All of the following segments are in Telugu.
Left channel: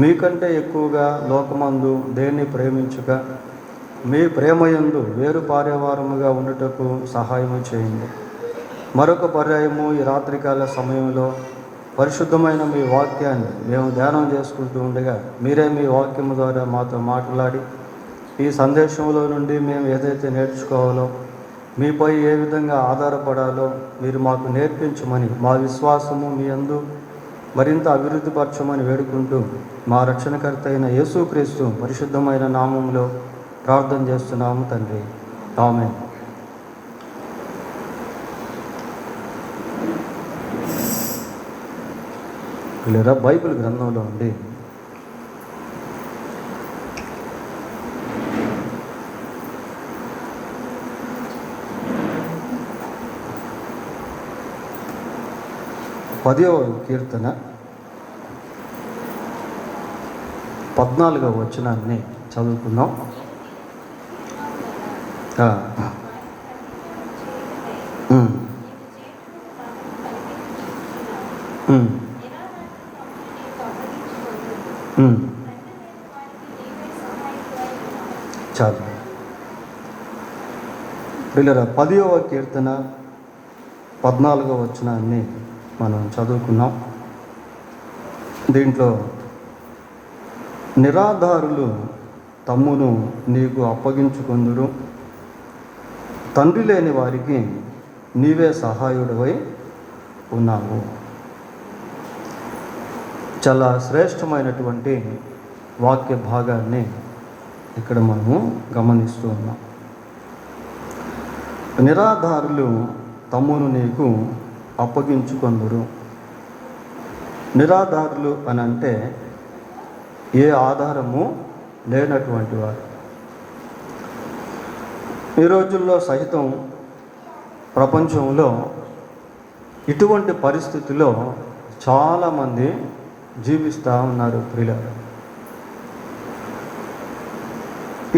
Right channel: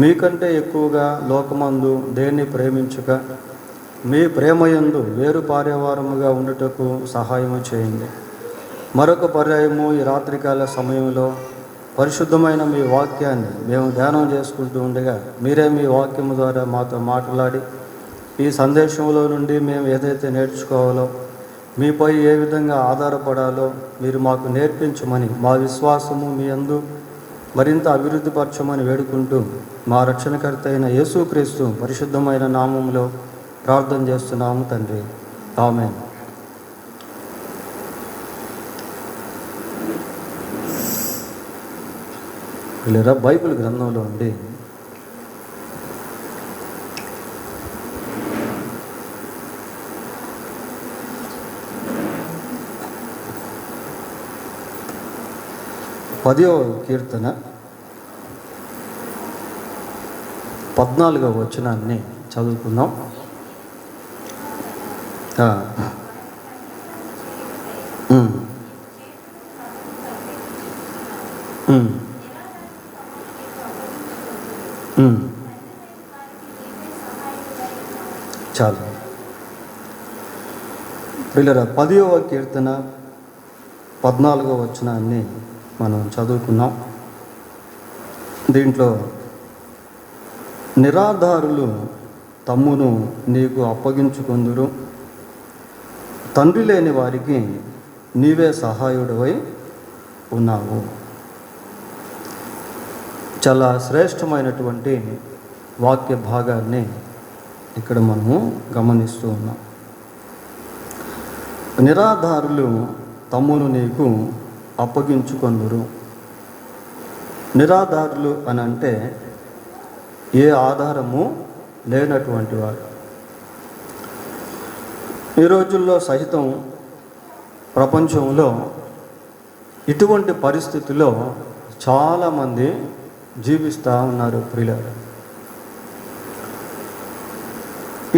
మీకంటే ఎక్కువగా లోకమందు దేన్ని ప్రేమించక మీ ప్రేమయందు వేరు పారేవారముగా ఉండుటకు సహాయము చేయండి. మరొక పర్యాయము ఈ రాత్రికాల సమయంలో పరిశుద్ధమైన మీ వాక్యాన్ని మేము ధ్యానం చేసుకుంటూ ఉండగా మీరే మీ వాక్యము ద్వారా మాతో మాట్లాడి ఈ సందేశంలో నుండి మేము ఏదైతే నేర్చుకోవాలో, మీపై ఏ విధంగా ఆధారపడాలో మీరు మాకు నేర్పించమని, మా విశ్వాసము మీ యందు మరింత అభివృద్ధిపరచమని వేడుకుంటూ మా రక్షణకర్త అయిన యేసుక్రీస్తు పరిశుద్ధమైన నామంలో ప్రార్థన చేస్తున్నాము తండ్రి. ఆమేన్. లేదా బైబిల్ గ్రంథంలో ఉండి పదవ కీర్తన 14వ వచనాన్ని చదువుకుందాం. చాలు పిల్లరా, 10వ కీర్తన 14వ వచనాన్ని మనం చదువుకున్నాం. దీంట్లో నిరాధారులు తమ్మును నీకు అప్పగించుకొందురు, తండ్రి లేని వారికి నీవే సహాయుడవై ఉన్నావు. చాలా శ్రేష్టమైనటువంటి వాక్య భాగాన్ని ఇక్కడ మనము గమనిస్తూ ఉన్నాం. నిరాధారులు తమ్మును నీకు అప్పగించుకొందురు. నిరాధారులు అని అంటే ఏ ఆధారము లేనటువంటి వారు. ఈ రోజుల్లో సహితం ప్రపంచంలో ఇటువంటి పరిస్థితుల్లో చాలామంది జీవిస్తూ ఉన్నారు ప్రియులారా.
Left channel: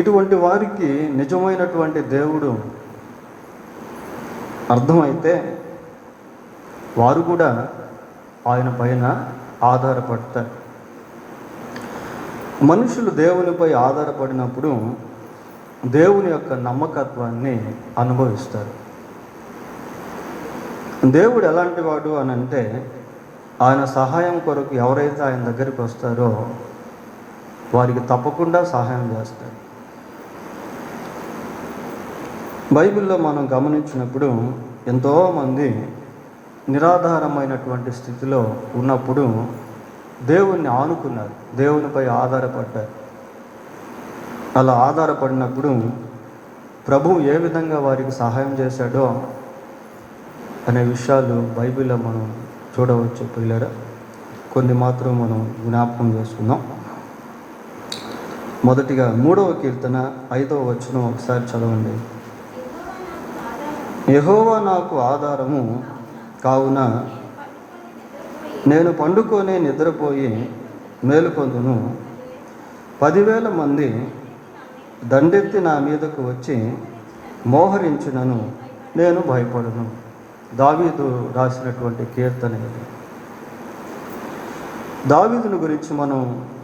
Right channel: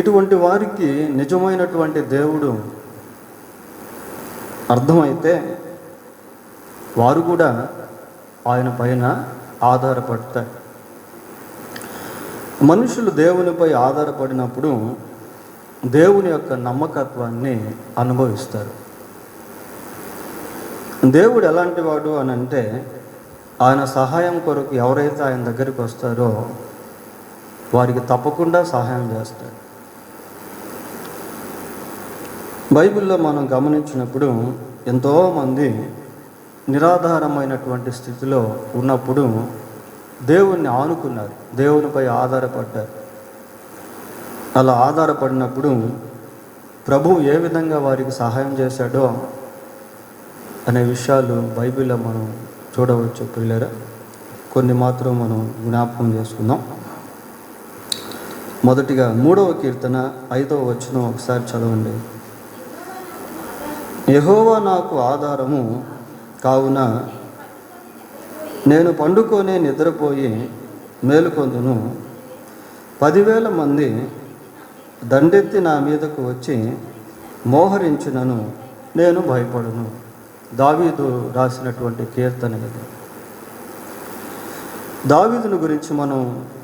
ఇటువంటి వారికి నిజమైనటువంటి దేవుడు అర్థమైతే వారు కూడా ఆయన పైన ఆధారపడతారు. మనుషులు దేవునిపై ఆధారపడినప్పుడు దేవుని యొక్క నమ్మకత్వాన్ని అనుభవిస్తారు. దేవుడు ఎలాంటి వాడు అని అంటే, ఆయన సహాయం కొరకు ఎవరైతే ఆయన దగ్గరికి వస్తారో వారికి తప్పకుండా సహాయం చేస్తాడు. బైబిల్లో మనం గమనించినప్పుడు ఎంతోమంది నిరాధారమైనటువంటి స్థితిలో ఉన్నప్పుడు దేవుణ్ణి ఆనుకున్నారు, దేవునిపై ఆధారపడ్డారు. అలా ఆధారపడినప్పుడు ప్రభువు ఏ విధంగా వారికి సహాయం చేశాడో అనే విషయాలు బైబిల్లో మనం చూడవచ్చు పిల్లరా. కొన్ని మాత్రం మనం జ్ఞాపకం చేసుకుందాం. మొదటిగా 3వ కీర్తన 5వ వచనం ఒకసారి చదవండి. యెహోవా నాకు ఆధారము కావున నేను పండుకొని నిద్రపోయి మేలుకొందును. 10,000 మంది దండెత్తి నా మీదకు వచ్చి మోహరించినను నేను భయపడను. దావీదు రాసినటువంటి కీర్తన ఇది. దావీదుని గురించి మనం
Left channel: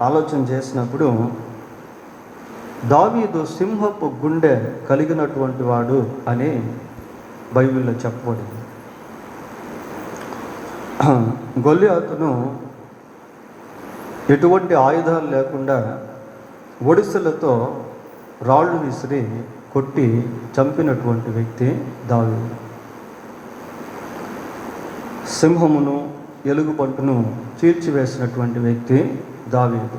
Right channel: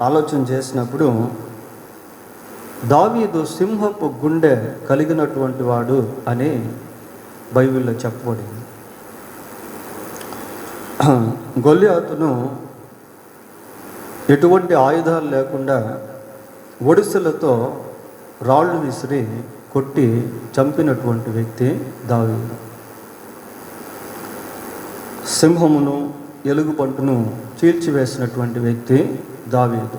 ఆలోచన చేసినప్పుడు దావీదు సింహపు గుండె కలిగినటువంటి వాడు అని బైబిల్లో చెప్పబడింది. గొల్లియాతును ఎటువంటి ఆయుధాలు లేకుండా ఒడిసెలతో రాళ్ళు విసిరి కొట్టి చంపినటువంటి వ్యక్తి దావీదు. సింహమును ఎలుగుబంటును చీల్చివేసినటువంటి వ్యక్తి దావీదు.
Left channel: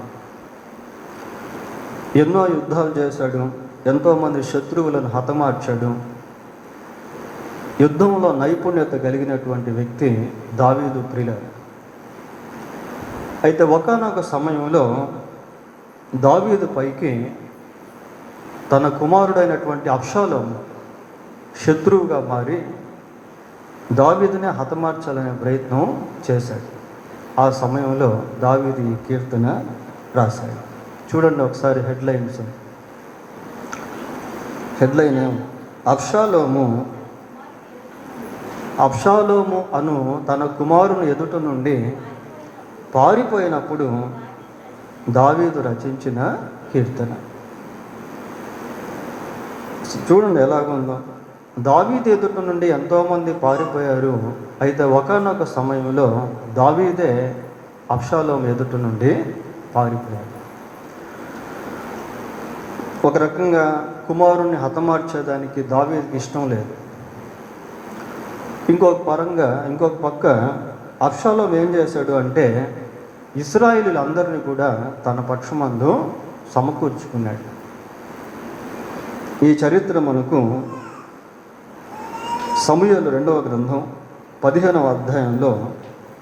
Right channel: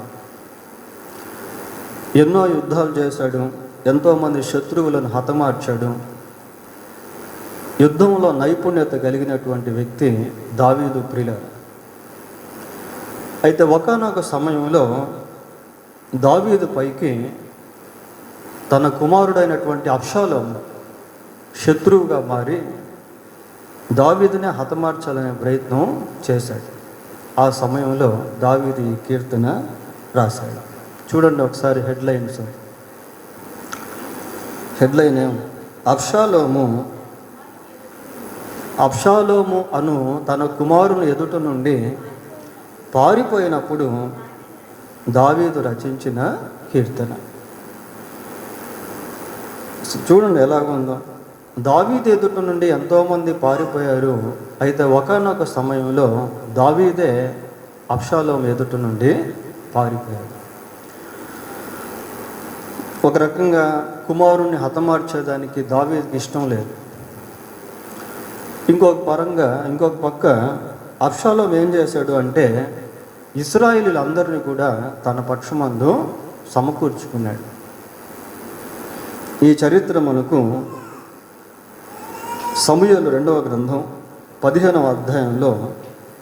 ఎన్నో యుద్ధాలు చేశాడు, ఎంతోమంది శత్రువులను హతమార్చాడు. యుద్ధంలో నైపుణ్యత కలిగినటువంటి వ్యక్తి దావీదు ప్రియులారా. అయితే ఒకానొక సమయంలో దావీదు పైకి తన కుమారుడైనటువంటి అబ్షాలోము శత్రువుగా మారి దావీదునే హతమార్చాలనే ప్రయత్నం చేశాడు. ఆ సమయంలో దావీదు ఈ కీర్తన రాశాడు. చూడండి ఒకసారి హెడ్లైన్ అబ్షాలోము అను తన కుమారుని ఎదుట నుండి పారిపోయినప్పుడు దావీదు రచించిన కీర్తన. చూడండి ఎలాగుందో. దావీదు ఎదుట నుండి ఎంతోమంది పారిపోయారు. అయితే ఒకానొక సమయంలో దావీదే అబ్షాలోము ఎదుట నుండి పారిపోయాడు. ఒక రకంగా కుమారుణ్ణి హతమార్చేదానికి దావీదుకి ఇష్టం లేదు. ఇంకొక పక్క అబ్షాలోము ఏం చేశాడు అంటే ఇశ్రాయేలీయులందరినీ కూడా తన పక్షమందు సమకూర్చుకున్నాడు. ఈ చరిత్ర మనకు సమూయేలు 2వ గ్రంథం 15వ అధ్యాయంలో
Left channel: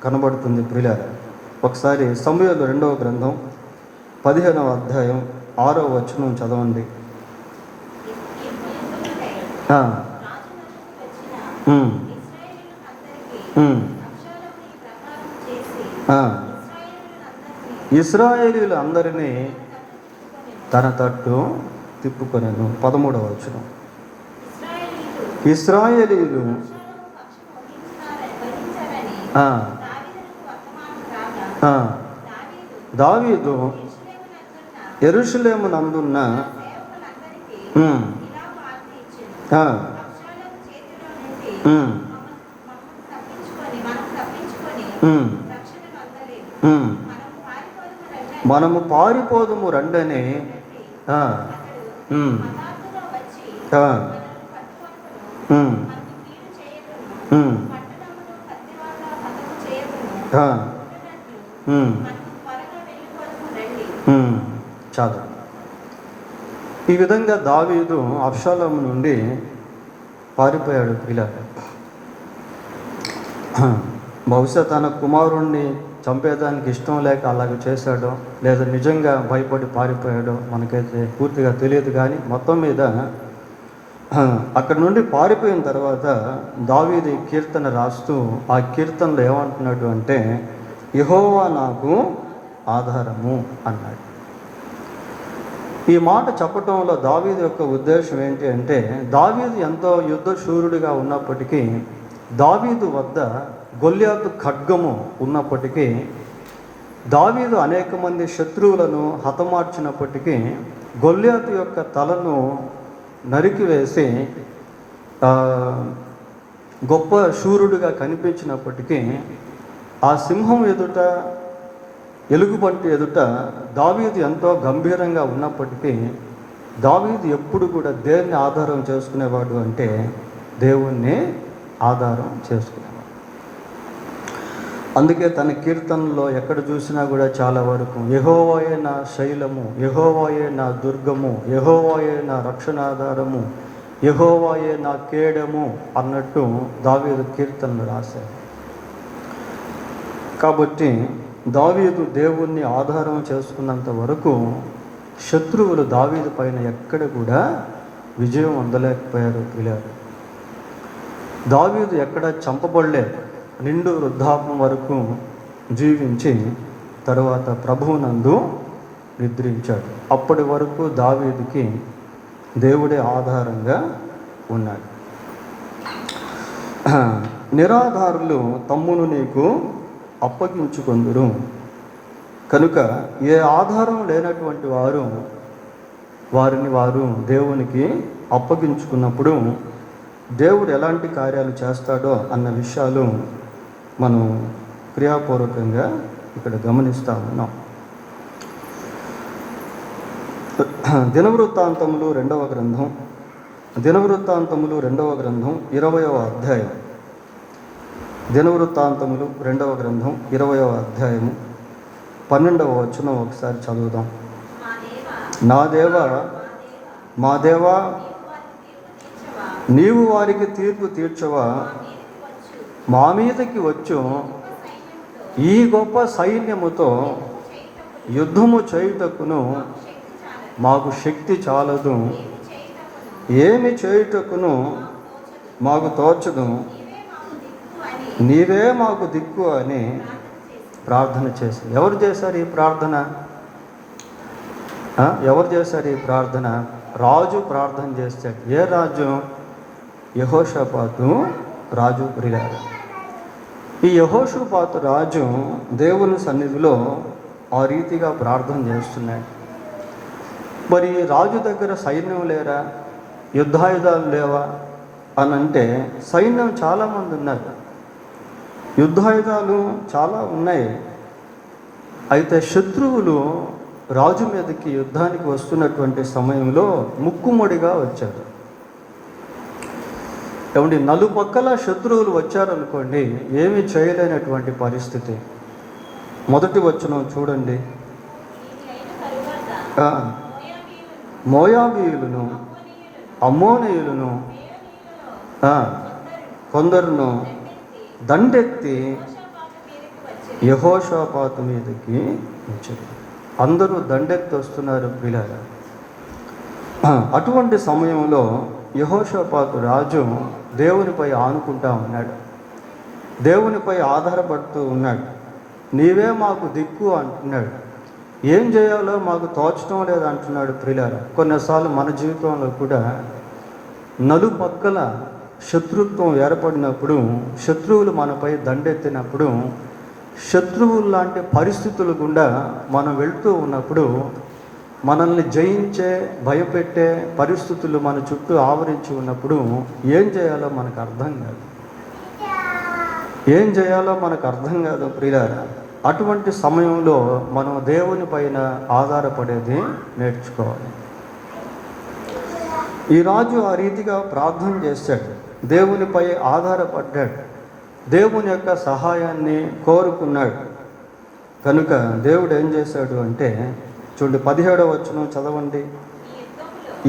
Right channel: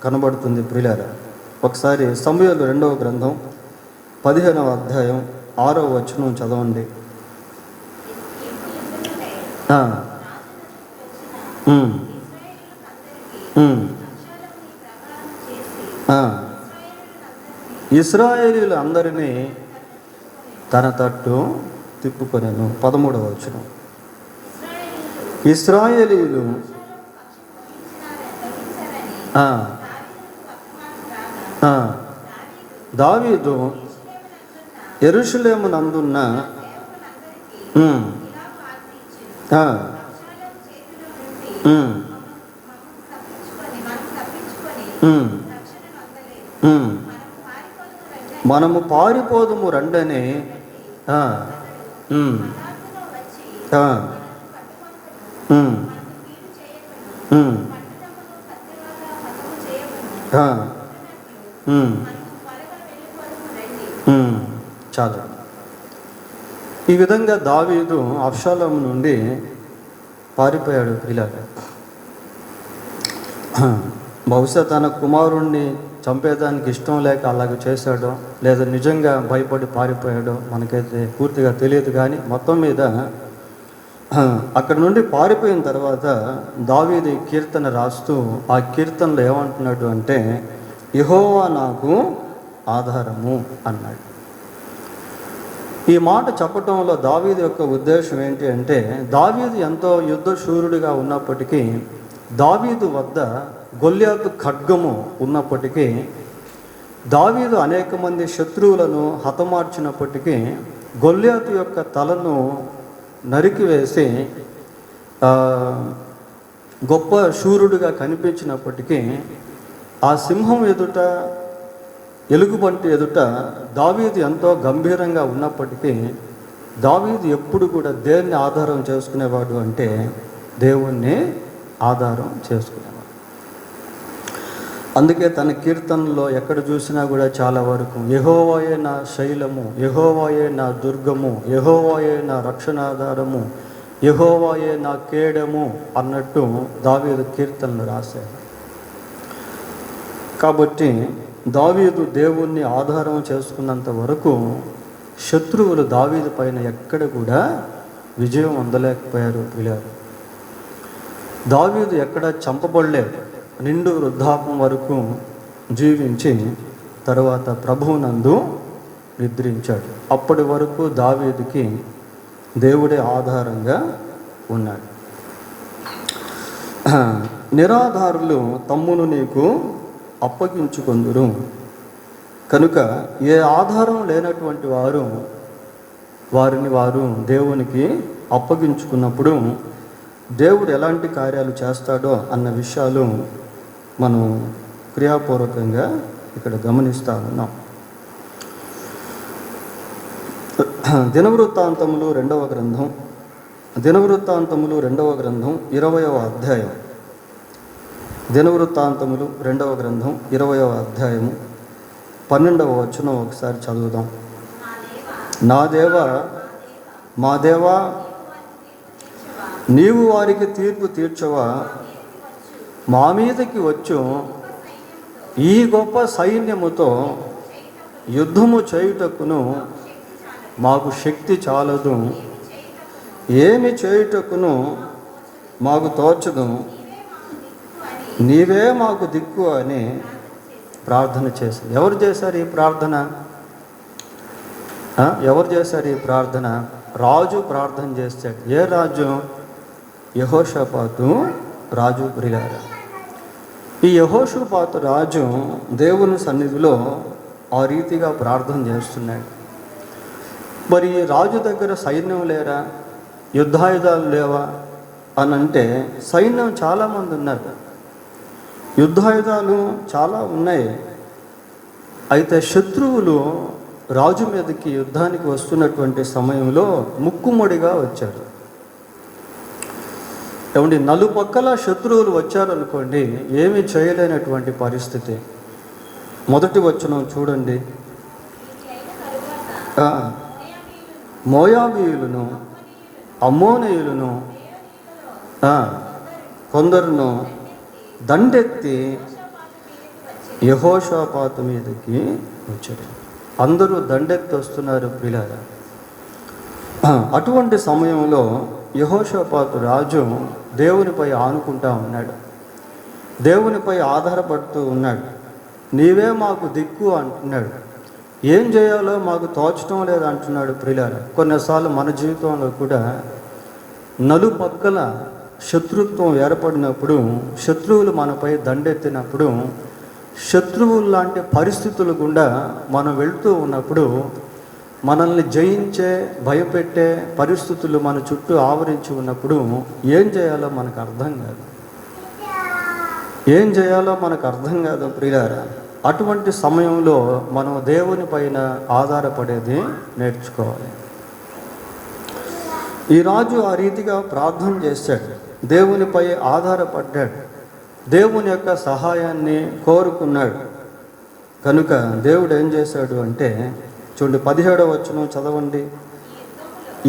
కనబడుతుంది ప్రియులారా. ఒకసారి సమూయేలు 2వ గ్రంథం 15వ అధ్యాయం 6వ వచనం చదవండి. ఇశ్రాయేలీయులు అందరినీ తన తట్టు తిప్పుకొనెను. 13వ వచనం. ఇశ్రాయేలీయులు దావీదు యెరూషలేము నందున్న మనము పారిపోదుము రండని చాలా. ఈ విధంగా దావీదు అబ్షాలోము నుండి పారిపోయాడు పిల్లలు. బహుశా తన కుమారుణ్ణి చంపేదానికి ఇష్టం లేక అలాగ చేశాడో లేదా నిజంగా భయపడి పారిపోయాడో మనకైతే పూర్తిగా తెలియదు. కానీ మొత్తం మీద అక్కడి నుండి పారిపోయిన తర్వాత దావీదు కీర్తన రాస్తూ ఆ కీర్తనలో ఏమంటున్నాడు అంటే యెహోవా నాకు ఆధారము అన్నాడు. ఈ మాట చెప్పటంలో దావీదు యొక్క ఉద్దేశం ఏంటి అంటే దావీదు ఎంతో యుద్ధశూరుడిగా ఉన్నప్పటికీ, దావీదు వద్ద గొల్యాతు ఖడ్గము ఉన్నప్పటికీ, దావీదు అనేక మంది శత్రువులను హతమార్చినప్పటికీ, గొల్యాతు యొక్క తలను నరికివేసి గొప్ప శూరుడిగా కనిపించినప్పటికీ, ఆ సింహం ఎదుట ఎలుగుబంటి ఎదుట దావీదు ఎంతో గంభీరంగా ఉన్నప్పటికీ, దావీదు ఎప్పుడు కూడా దేన్ని ఆధారం చేసుకునేవాడు అంటే దేవుణ్ణి ఆధారం చేసుకునేవాడు. అందుకే తన కీర్తనలో ఎక్కడ చూసినా కూడా చాలా వరకు యెహోవాయే నా శైలము, యెహోవాయే నా దుర్గము, యెహోవాయే నా రక్షణాధారము, యెహోవాయే నా కేడము అన్నట్టు దావీదు కీర్తనలు రాశారు. కాబట్టి దావీదు దేవుణ్ణి ఆధారం చేసుకున్నంత వరకు శత్రువులు దావీదు పైన ఎక్కడ కూడా విజయం అందలేకపోయారు పిల్లలు. దావీదు ఎక్కడ చంపబడలేదు. నిండు వృద్ధాపం వరకు జీవించి తరువాత ప్రభువునందు నిద్రించాడు. అప్పటి వరకు దావీదుకి దేవుడే ఆధారంగా ఉన్నాడు. నిరాధారులు తమ్మును నీకు అప్పగించుకొందురు కనుక ఏ ఆధారం లేనటువంటి వారిని వారు దేవునికి అప్పగించుకున్నప్పుడు దేవుడు ఎలాంటి కార్యాలు చేస్తాడో అన్న విషయాలు మనం క్రియాపూర్వకంగా ఇక్కడ గమనిస్తూ ఉన్నాం. దినవృత్తాంతములు 2వ గ్రంథం 20వ అధ్యాయం. దినవృత్తాంతములు 2వ గ్రంథం 20వ అధ్యాయము 12వ వచనం ఒకసారి చదువుదాం. నా దేవా, మా దేవా, నీవు వారికి తీర్పు తీర్చవా? మా మీదకి వచ్చు ఈ గొప్ప సైన్యముతో యుద్ధము చేయుటకును మాకు శక్తి చాలదు, ఏమి చేయుటకును మాకు తోచదు, నీవే మాకు దిక్కు అని ప్రార్థన చేశారు. ఎవరు చేశారు ఈ ప్రార్థన? రాజు ప్రార్థన చేశాడు. ఏ రాజు? యెహోషాపాతు రాజు ప్రియారు. ఈ యెహోషాపాతు రాజు దేవుని సన్నిధిలో ఆ రీతిగా ప్రార్థన చేస్తున్నాడు. మరి రాజు దగ్గర సైన్యం లేరా, యుద్ధాయుధాలు లేవా అని అంటే సైన్యం చాలామంది ఉన్నారు, యుద్ధాయుధాలు చాలా ఉన్నాయి. అయితే శత్రువులు రాజు మీదకి యుద్ధానికి వస్తున్నటువంటి సమయంలో ముక్కుముడిగా వచ్చారు. ఏమండి, నలుపక్కల శత్రువులు వచ్చారనుకోండి, ఏమీ చేయలేనటువంటి పరిస్థితి. మొదటి వచనం చూడండి. మోయాబీయులను, అమ్మోనీయులను కొందరును దండెత్తి యెహోషాపాతు మీదకి వచ్చారు. అందరూ దండెత్తి వస్తున్నారు ప్రియులారా. అటువంటి సమయంలో యెహోషాపాతు రాజు దేవునిపై ఆనుకుంటా ఉన్నాడు, దేవునిపై ఆధారపడుతూ ఉన్నాడు. నీవే మాకు దిక్కు అంటున్నాడు. ఏం చేయాలో మాకు తోచడం లేదు అంటున్నాడు ప్రియులారా. కొన్నిసార్లు మన జీవితంలో కూడా నలుపక్కల శత్రుత్వం ఏర్పడినప్పుడు, శత్రువులు మనపై దండెత్తినప్పుడు, శత్రువులు లాంటి పరిస్థితులు గుండా మనం వెళ్తూ ఉన్నప్పుడు, మనల్ని జయించే భయపెట్టే పరిస్థితులు మన చుట్టూ ఆవరించి ఉన్నప్పుడు ఏం చేయాలో మనకు అర్థం కాదు, ఏం చేయాలో మనకు అర్థం కాదు ప్రియులారా. అటువంటి సమయంలో మనం దేవుని పైన ఆధారపడేది నేర్చుకోవాలి. ఈ రాజు ఆ రీతిగా ప్రార్థన చేశాడు, దేవునిపై ఆధారపడ్డాడు, దేవుని యొక్క సహాయాన్ని కోరుకున్నాడు. కనుక దేవుడు ఏం చేశాడు అంటే, చూడండి 17వ వచనం చదవండి.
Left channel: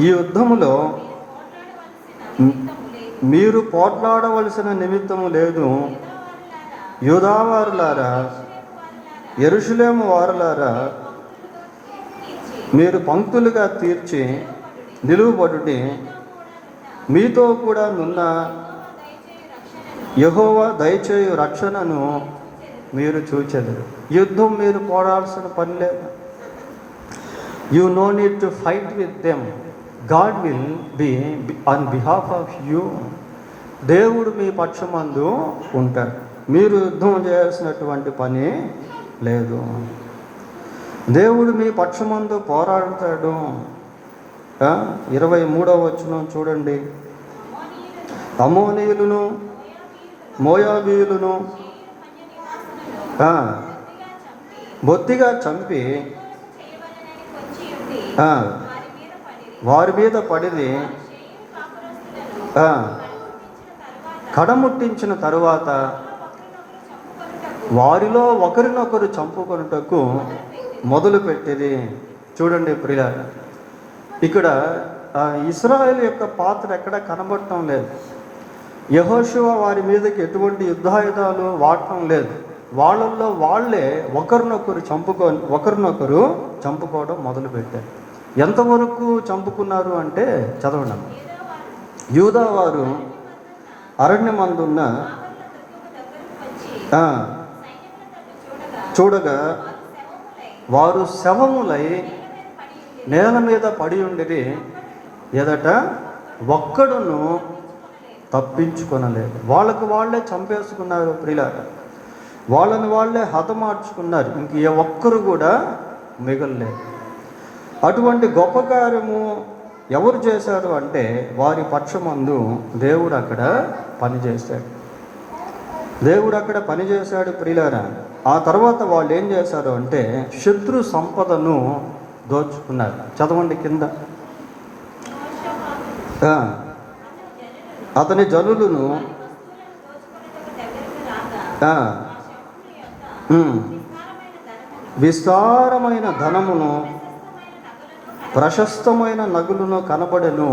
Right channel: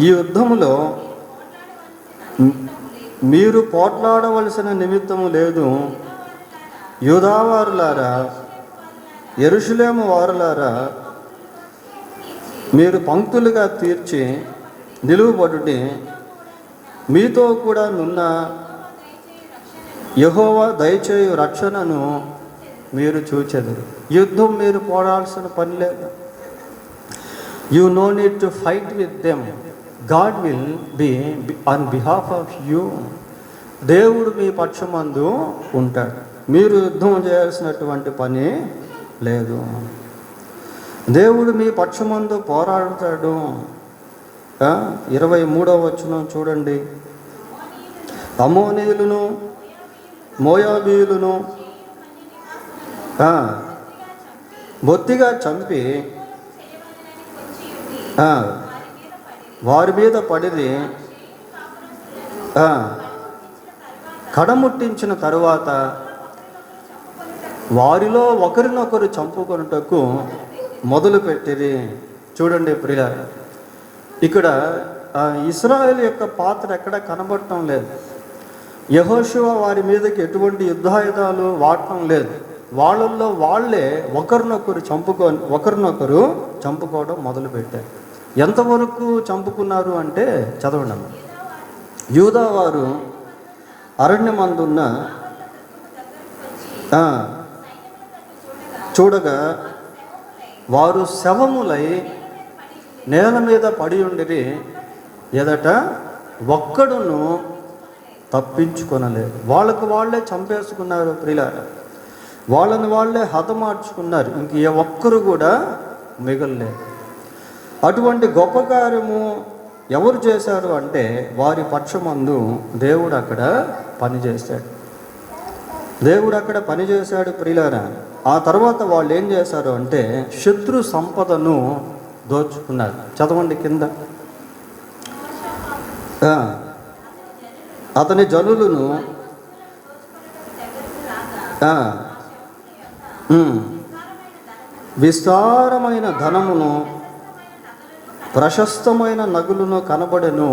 ఈ యుద్ధములో మీరు పోట్లాడవలసిన నిమిత్తము లేదు, యూదావారులారా, యెరూషలేము వారులారా, మీరు పంక్తులుగా తీర్చి నిలువబడుడి, మీతో కూడా నున్న యెహోవా దయచేయు రక్షణను మీరు చూచెదరు. యుద్ధం మీరు పోరాడాల్సిన పని లేదు. You know need to fight with them, God will be on behalf of you. దేవుడు మీ పక్షమందు ఉంటాడు, మీరు యుద్ధం చేయాల్సినటువంటి పని లేదు. దేవుడు మీ పక్షమందు పోరాడతాడు. 23వ వచనం చూడండి. అమ్మోనీయులను, మోయాబీయులను బొత్తిగా చంపి వారి మీద పడిది కడముట్టించిన తరువాత వారిలో ఒకరినొకరు చంపుకొనుటకు మొదలుపెట్టిరి. చూడండి ప్రియులారా, ఇక్కడ ఇశ్రాయేలు యొక్క పాత్ర ఎక్కడ కనబడటం లేదు. యెహోషువ వారి మీదకి ఎటువంటి యుద్ధాయుధాలు వాడటం లేదు. వాళ్ళల్లో వాళ్ళే ఒకరినొకరు చంపుకోవడం మొదలుపెట్టారు. ఎంతవరకు చంపుకున్నారు అంటే చదవడం. యూదా వారు అరణ్యమందున్న చూడగా వారు శవములై నేల మీద పడి ఉండిరి, ఎదట ఒక్కడును తప్పించుకొనలేదు. వాళ్ళకు వాళ్ళే చంపేసుకున్నారు ప్రియులారా, వాళ్ళని వాళ్ళే హతమార్చుకున్నారు. ఇంక ఏ ఒక్కరు కూడా మిగలలేదు. అటువంటి గొప్ప కార్యము ఎవరు చేశారు అంటే వారి పక్షమందు దేవుడు అక్కడ పనిచేశాడు, దేవుడు అక్కడ పనిచేశాడు ప్రియులారా. ఆ తర్వాత వాళ్ళు ఏం చేశారు అంటే శత్రు సంపదను దోచుకున్నారు. చదవండి కింద. అతని జనులను విస్తారమైన ధనమును, ప్రశస్తమైన నగులను కనబడెను.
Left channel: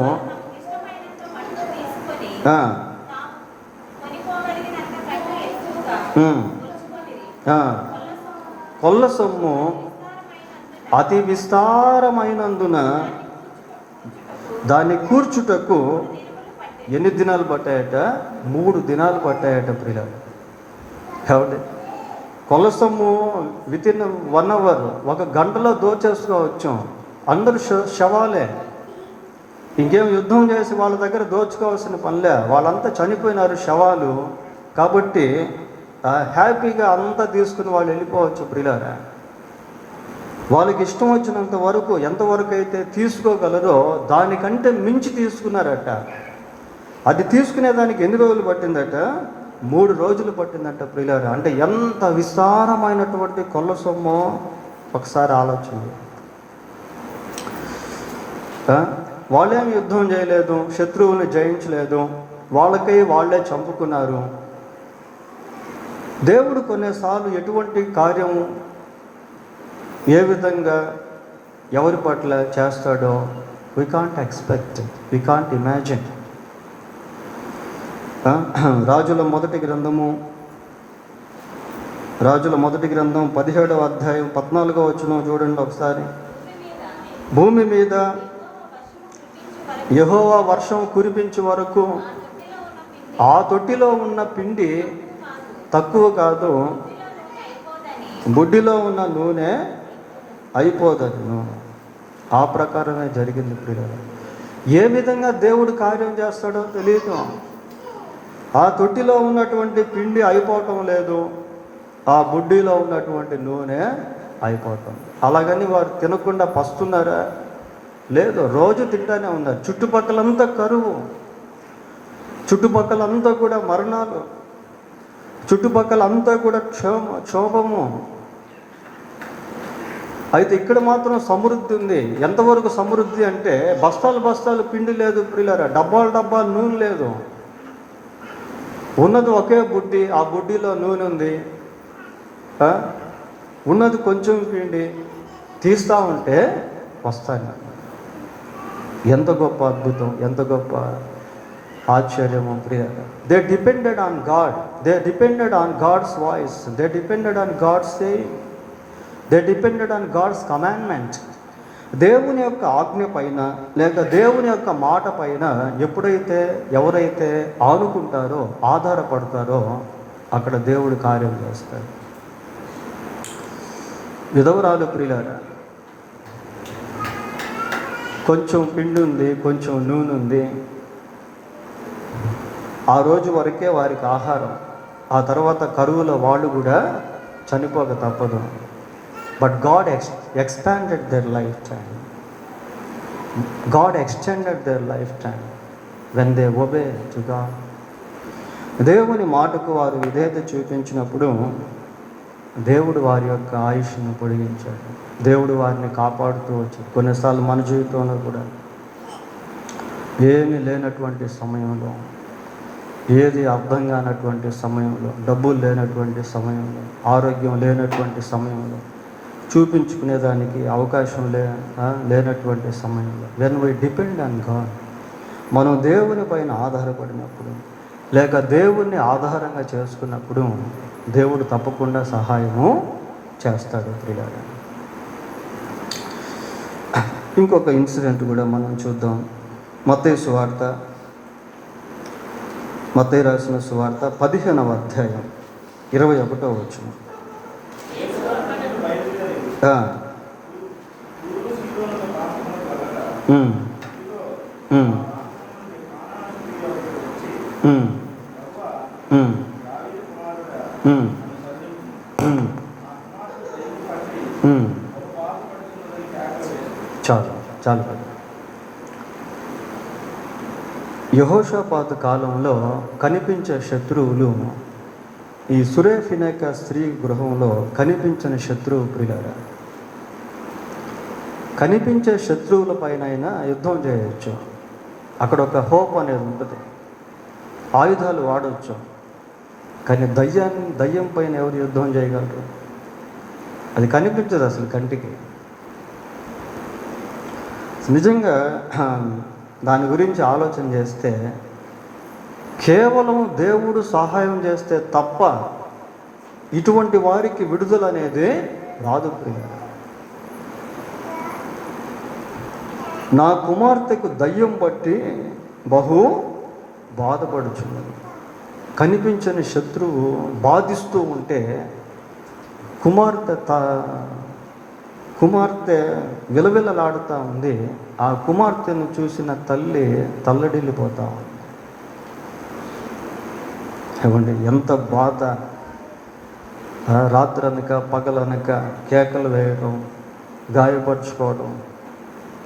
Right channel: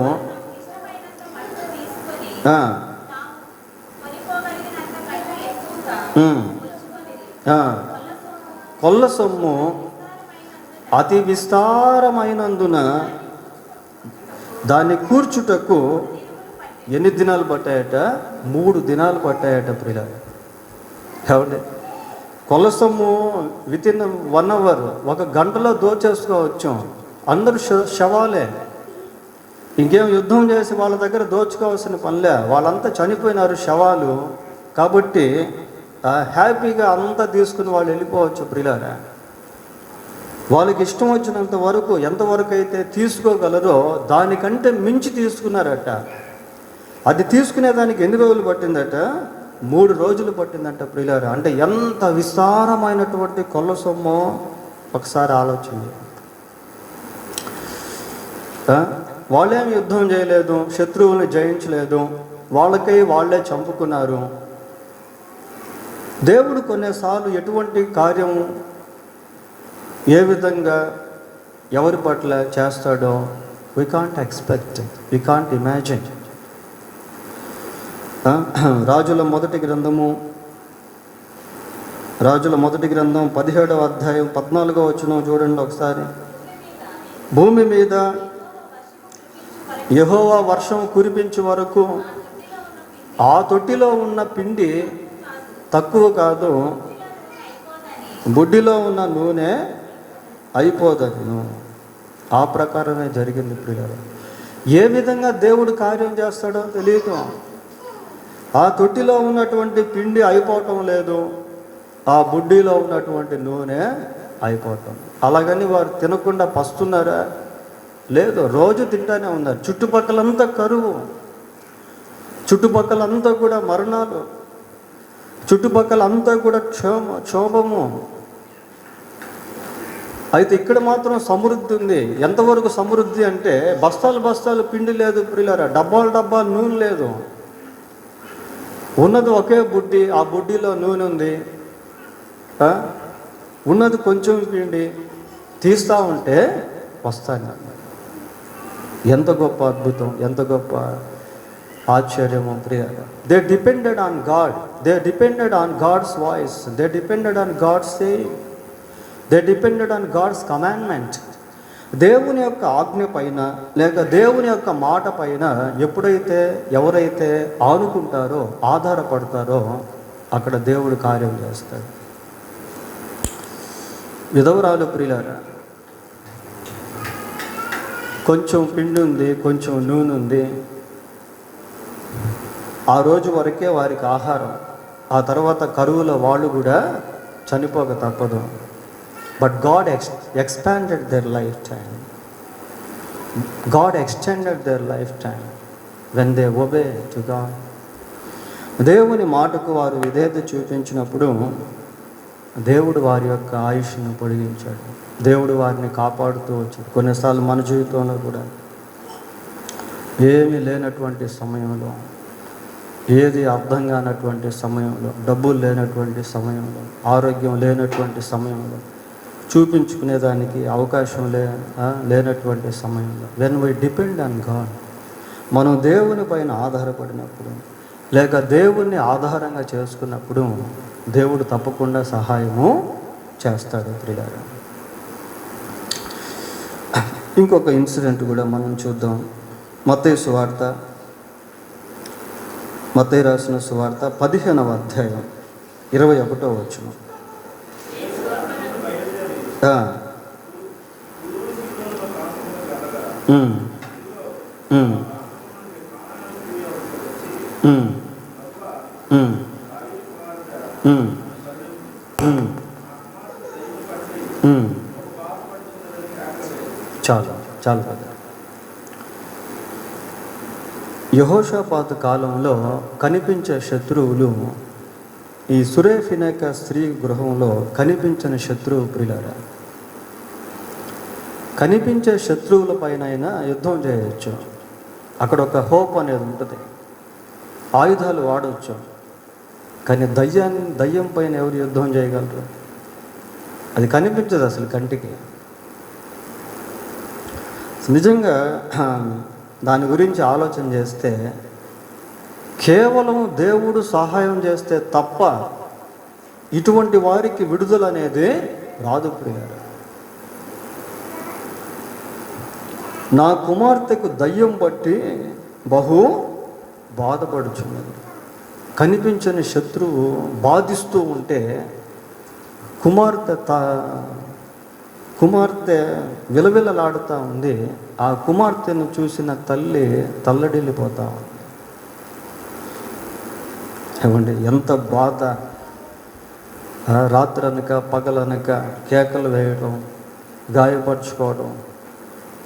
కొల్ల సొమ్ము అతి విస్తారమైనందున దాన్ని కూర్చుటకు ఎన్ని దినాలు పట్టాయట? 3 దినాలు పట్టాయట ప్రియులారా. కాబట్టి కొల్ల సొమ్ము వితిన్ 1 అవర్, 1 గంటలో దోచేసుకోవచ్చు. అందరూ శవాలే, ఇంకేం యుద్ధం చేసి వాళ్ళ దగ్గర దోచుకోవాల్సిన పనిలే, వాళ్ళంతా చనిపోయినారు శవాలు. కాబట్టి హ్యాపీగా అంతా తీసుకుని వాళ్ళు వెళ్ళిపోవచ్చు ప్రియులారా. వాళ్ళకి ఇష్టం వచ్చినంత వరకు ఎంతవరకు అయితే తీసుకోగలరో దానికంటే మించి తీసుకున్నారట. అది తీసుకునేదానికి ఎన్ని రోజులు పట్టిందట? 3 రోజులు పట్టిందంట ప్రియులారా. అంటే ఎంత విస్తారమైనటువంటి కొల్ల సొమ్మో ఒకసారి ఆలోచన. వాళ్ళేం యుద్ధం చేయలేదు, శత్రువుని జయించలేదు, వాళ్ళకై వాళ్ళే చంపుకున్నారు. దేవుడు కొన్నిసార్లు ఎటువంటి కార్యం ఏ విధంగా ఎవరి పట్ల చేస్తాడో we can't expect, we can't imagine. రాజుల మొదటి గ్రంథం 17వ అధ్యాయం 14వ వచనం చూడండి ఒకసారి. భూమి మీద యెహోవా వర్షం కురిపించే వరకు ఆ తొట్టిలో ఉన్న పిండి తక్కువ కాదు, బుడ్డిలో ఉన్న నూనె అయిపోదని. ఆ ప్రకారమే జరిగింది ప్రియులారా. ఏ విధంగా దేవుడు కార్యం చేస్తాడో తెలియదు. ఆ తొట్టిలో ఉన్నటువంటి పిండి అయిపోవటం లేదు, ఆ బుడ్డిలో ఉన్నటువంటి నూనె అయిపోవటం. అలాగని వారు తినకుండా పస్తున్నారా? లేదు, రోజు తింటానే ఉన్నారు. చుట్టుపక్కలంతా కరువు, చుట్టుపక్కలంతా కూడా మరణాలు, చుట్టుపక్కలంతా కూడా క్షోభము. అయితే ఇక్కడ మాత్రం సమృద్ధి ఉంది. ఎంతవరకు సమృద్ధి అంటే బస్తాలు పిండి లేదు ప్రియులారా, డబ్బాలు నూనె లేదు. ఉన్నది ఒకే బుడ్డి, ఆ బుడ్డిలో నూనె ఉంది. ఉన్నది కొంచెం పిండి, తీస్తూ ఉంటే వస్తాను. ఎంత గొప్ప అద్భుతం, ఎంత గొప్ప ఆశ్చర్యము ప్రియులారా. They depended on God, they depended on God's voice, they depended on God's saying, they depended on God's commandment. దేవుని యొక్క ఆజ్ఞ పైన లేక దేవుని యొక్క మాట పైన ఎవరైతే ఆనుకుంటారో, ఆధారపడతారో అక్కడ దేవుడు కార్యం చేస్తాడు. విధవరాలు ప్రియులారా, కొంచెం పిండి ఉంది, కొంచెం నూనె ఉంది. ఆ రోజు వరకే వారికి ఆహారం. ఆ తర్వాత కరువులో వాళ్ళు కూడా చనిపోక తప్పదు. But God expanded their lifetime. God extended their lifetime when they obey to God. దేవుని మాటకు వారు విధేయత చూపించినప్పుడు దేవుడు వారి యొక్క ఆయుష్ను పొడిగించాడు. దేవుడు వారిని కాపాడుతూ వచ్చాడు. కొన్నిసార్లు మన జీవితంలో కూడా ఏమీ లేనటువంటి సమయంలో, ఏది అర్థం కానటువంటి సమయంలో, డబ్బులు లేనటువంటి సమయంలో, ఆరోగ్యం లేనటువంటి సమయంలో, చూపించుకునేదానికి అవకాశం లేనటువంటి సమయంలో, when we depend on God, మనం దేవుని పైన ఆధారపడినప్పుడు లేక దేవుణ్ణి ఆధారంగా చేసుకున్నప్పుడు దేవుడు తప్పకుండా సహాయము చేస్తాడు ప్రియులారా. ఇంకొక ఇన్సిడెంట్ కూడా మనం చూద్దాం. మత్తయి రాసిన సువార్త 15వ అధ్యాయం 21వ వచనం. చాలు కదా. యెహోషాపాతు కాలంలో కనిపించే శత్రువులు ఈ సురేఫినేక స్త్రీ గృహంలో కనిపించని శత్రువు ప్రియులారా. కనిపించే శత్రువుల పైన యుద్ధం చేయవచ్చు. అక్కడ ఒక హోప్ అనేది ఉంటుంది, ఆయుధాలు వాడవచ్చు. కానీ దయ్యం పైన ఎవరు యుద్ధం చేయగలరు? అది కనిపించదు అసలు కంటికి. నిజంగా దాని గురించి ఆలోచన చేస్తే కేవలం దేవుడు సహాయం చేస్తే తప్ప ఇటువంటి వారికి విడుదల అనేది రాదు ప్రియులారా. నా కుమార్తెకు దయ్యం బట్టి బహు బాధపడుచున్నది. కనిపించని శత్రువు బాధిస్తూ ఉంటే కుమార్తె విలవిలలాడుతూ ఉంది. ఆ కుమార్తెను చూసిన తల్లి తల్లడిల్లిపోతా ఉంది. ఏమండి, ఎంత బాధ! రాత్రనక పగలనక కేకలు వేయడం, గాయపరచుకోవడం,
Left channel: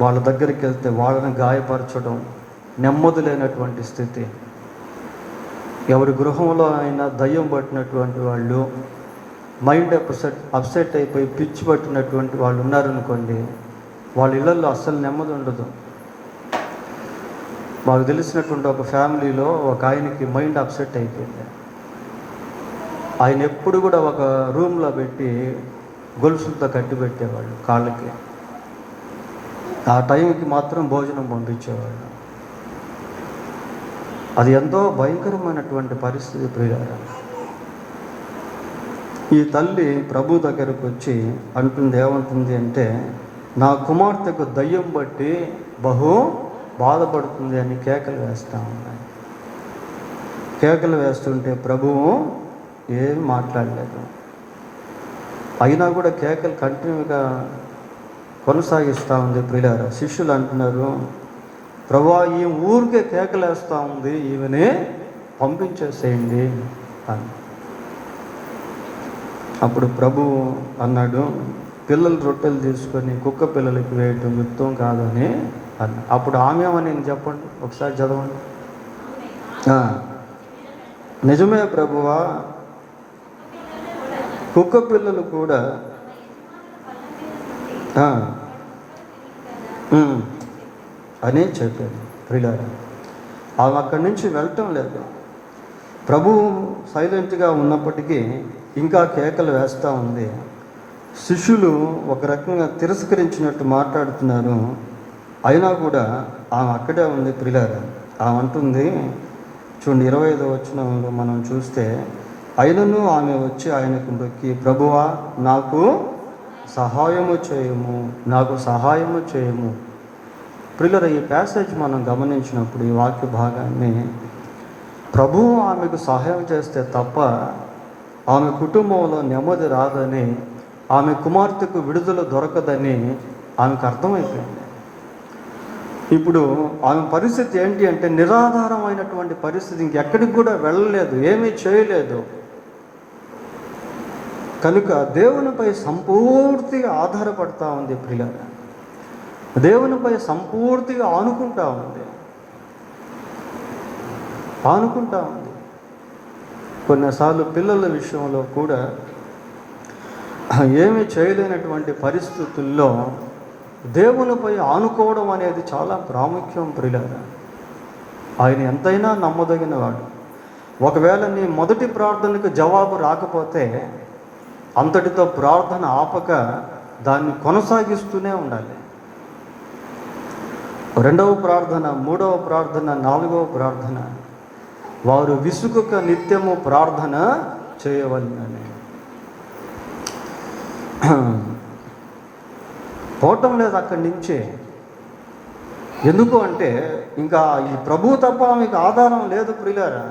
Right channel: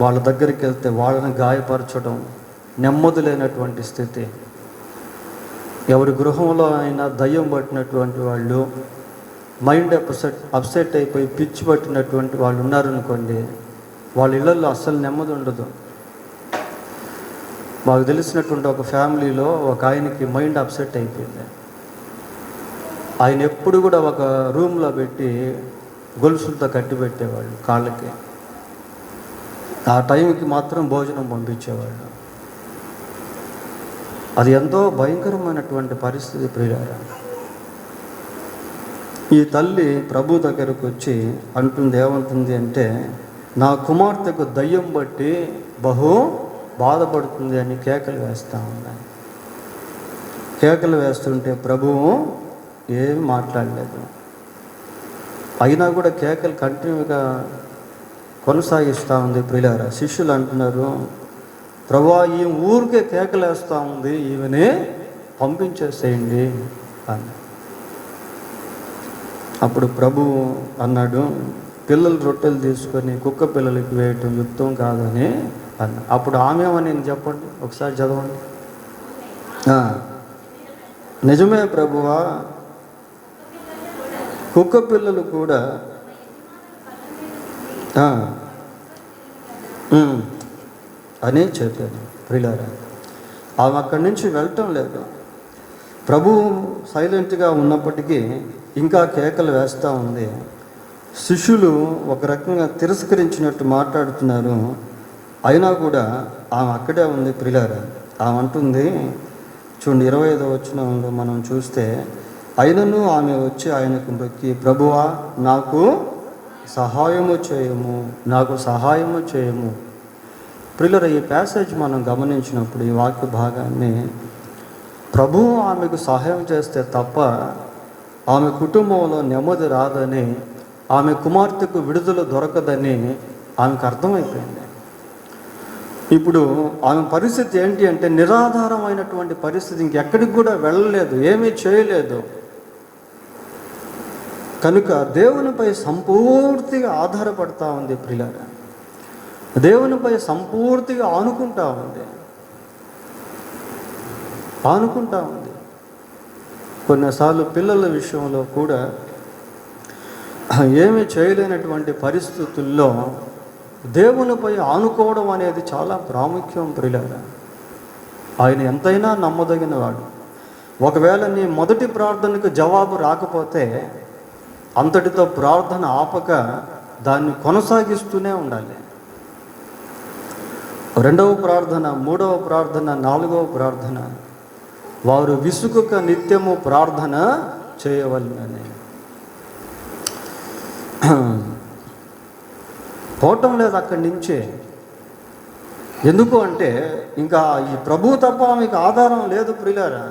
వాళ్ళ దగ్గరికి వెళ్తే వాళ్ళని గాయపరచడం, నెమ్మది లేనటువంటి స్థితి. ఎవరి గృహంలో అయినా దయ్యం పట్టినటువంటి వాళ్ళు, మైండ్ అప్సెట్ అయిపోయి పిచ్చి పట్టినటువంటి వాళ్ళు ఉన్నారనుకోండి, వాళ్ళ ఇళ్ళల్లో అస్సలు నెమ్మది ఉండదు. మాకు తెలిసినటువంటి ఒక ఫ్యామిలీలో ఒక ఆయనకి మైండ్ అప్సెట్ అయిపోయింది. ఆయన ఎప్పుడు కూడా ఒక రూమ్లో పెట్టి గొలుసులతో కట్టి పెట్టేవాళ్ళు కాళ్ళకి. ఆ టైంకి మాత్రం భోజనం పంపించేవాళ్ళు. అది ఎంతో భయంకరమైనటువంటి పరిస్థితి ప్రియులారా. ఈ తల్లి ప్రభు దగ్గరకు వచ్చి అంటుంది, ఏమంటుంది అంటే, నా కుమార్తెకు దయ్యం బట్టి బహు బాధపడుతుంది అని కేకలు వేస్తూ ఉన్నాయి. కేకలు వేస్తుంటే ప్రభువు ఏం మాట్లాడలేదు. అయినా కూడా కేకలు కంటిన్యూగా కొనసాగిస్తూ ఉంది ప్రియులారా. శిష్యులు అంటున్నారు, ప్రభువా ఈ ఊరికే కేకలు వేస్తూ ఉంది, ఈమెనే పంపించేసేయండి అని. అప్పుడు ప్రభు అన్నాడు, పిల్లలు రొట్టెలు తీసుకొని కుక్క పిల్లలకి వేయటం యుక్తం కాదని అన్న. అప్పుడు ఆమె నేను చెప్పండి, ఒకసారి చదవండి. నిజమే ప్రభువా, కుక్క పిల్లలు కూడా అని చెప్పాను ప్రియులారా. ఆమె అక్కడి నుంచి వెళ్ళటం లేదు. ప్రభువు సైలెంట్గా ఉన్నప్పటికీ ఇంకా కేకలు వేస్తూ ఉంది. శిష్యులు ఒక రకంగా తిరస్కరించినట్టు మాట్లాడుతున్నారు. అయినా కూడా ఆమె అక్కడే ఉంది ప్రియులారా. ఆమె అంటుంది, చూడండి 25వ వచనంలో మనం చూస్తే, అయినను ఆమె వచ్చి ఆయనకు మొక్కి, ప్రభువా నాకు సహాయము చేయము, నాకు సహాయము చేయము. ప్రియులారా, ఈ ప్యాసేజ్ మనం గమనించినప్పుడు ఈ వాక్య భాగాన్ని, ప్రభువు ఆమెకు సహాయం చేస్తే తప్ప ఆమె కుటుంబంలో నెమ్మది రాదని, ఆమె కుమార్తెకు విడుదల దొరకదని ఆమెకు అర్థమైపోయింది. ఇప్పుడు ఆమె పరిస్థితి ఏంటి అంటే, నిరాధారమైనటువంటి పరిస్థితి, ఇంకెక్కడికి కూడా వెళ్ళలేదు, ఏమీ చేయలేదు. కనుక దేవునిపై సంపూర్తిగా ఆధారపడతా ఉంది ప్రియులారా. దేవునిపై సంపూర్తిగా ఆనుకుంటా ఉంది. కొన్నిసార్లు పిల్లల విషయంలో కూడా ఏమీ చేయలేనటువంటి పరిస్థితుల్లో దేవునిపై ఆనుకోవడం అనేది చాలా ప్రాముఖ్యం ప్రియులారా. ఆయన ఎంతైనా నమ్మదగిన వాడు. ఒకవేళ నీ మొదటి ప్రార్థనకు జవాబు రాకపోతే అంతటితో ప్రార్థన ఆపక దాన్ని కొనసాగిస్తూనే ఉండాలి. 2వ ప్రార్థన, 3వ ప్రార్థన, 4వ ప్రార్థన, వారు విసుగుక నిత్యము ప్రార్థన చేయవలెనని. పోవటం లేదు అక్కడి నుంచే. ఎందుకు అంటే, ఇంకా ఈ ప్రభువు తప్ప మీకు ఆధారం లేదు ప్రియులారా.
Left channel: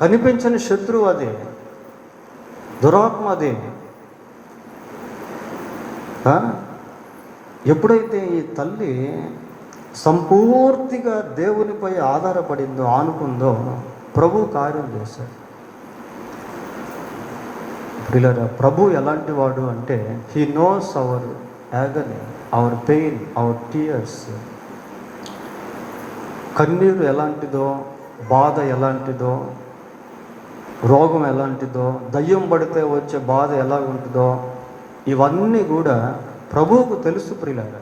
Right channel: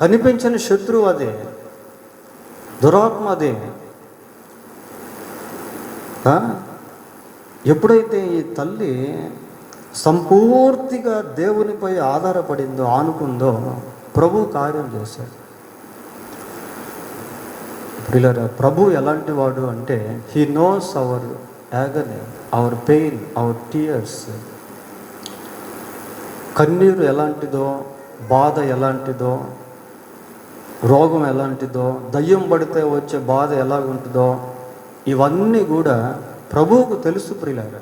కనిపించని శత్రువు అదే, దురాత్మ అదే. ఎప్పుడైతే ఈ తల్లి సంపూర్తిగా దేవునిపై ఆధారపడిందో, ఆనుకుందో, ప్రభు కార్యం చేశాడు ప్రియులారా. ప్రభు ఎలాంటి వాడు అంటే, he knows our agony, our pain, our tears. కన్నీరు ఎలాంటిదో, బాధ ఎలాంటిదో, రోగం ఎలాంటిదో, దయ్యం పడితే వచ్చే బాధ ఎలా ఉంటుందో, ఇవన్నీ కూడా ప్రభువుకు తెలుసు ప్రియులారా.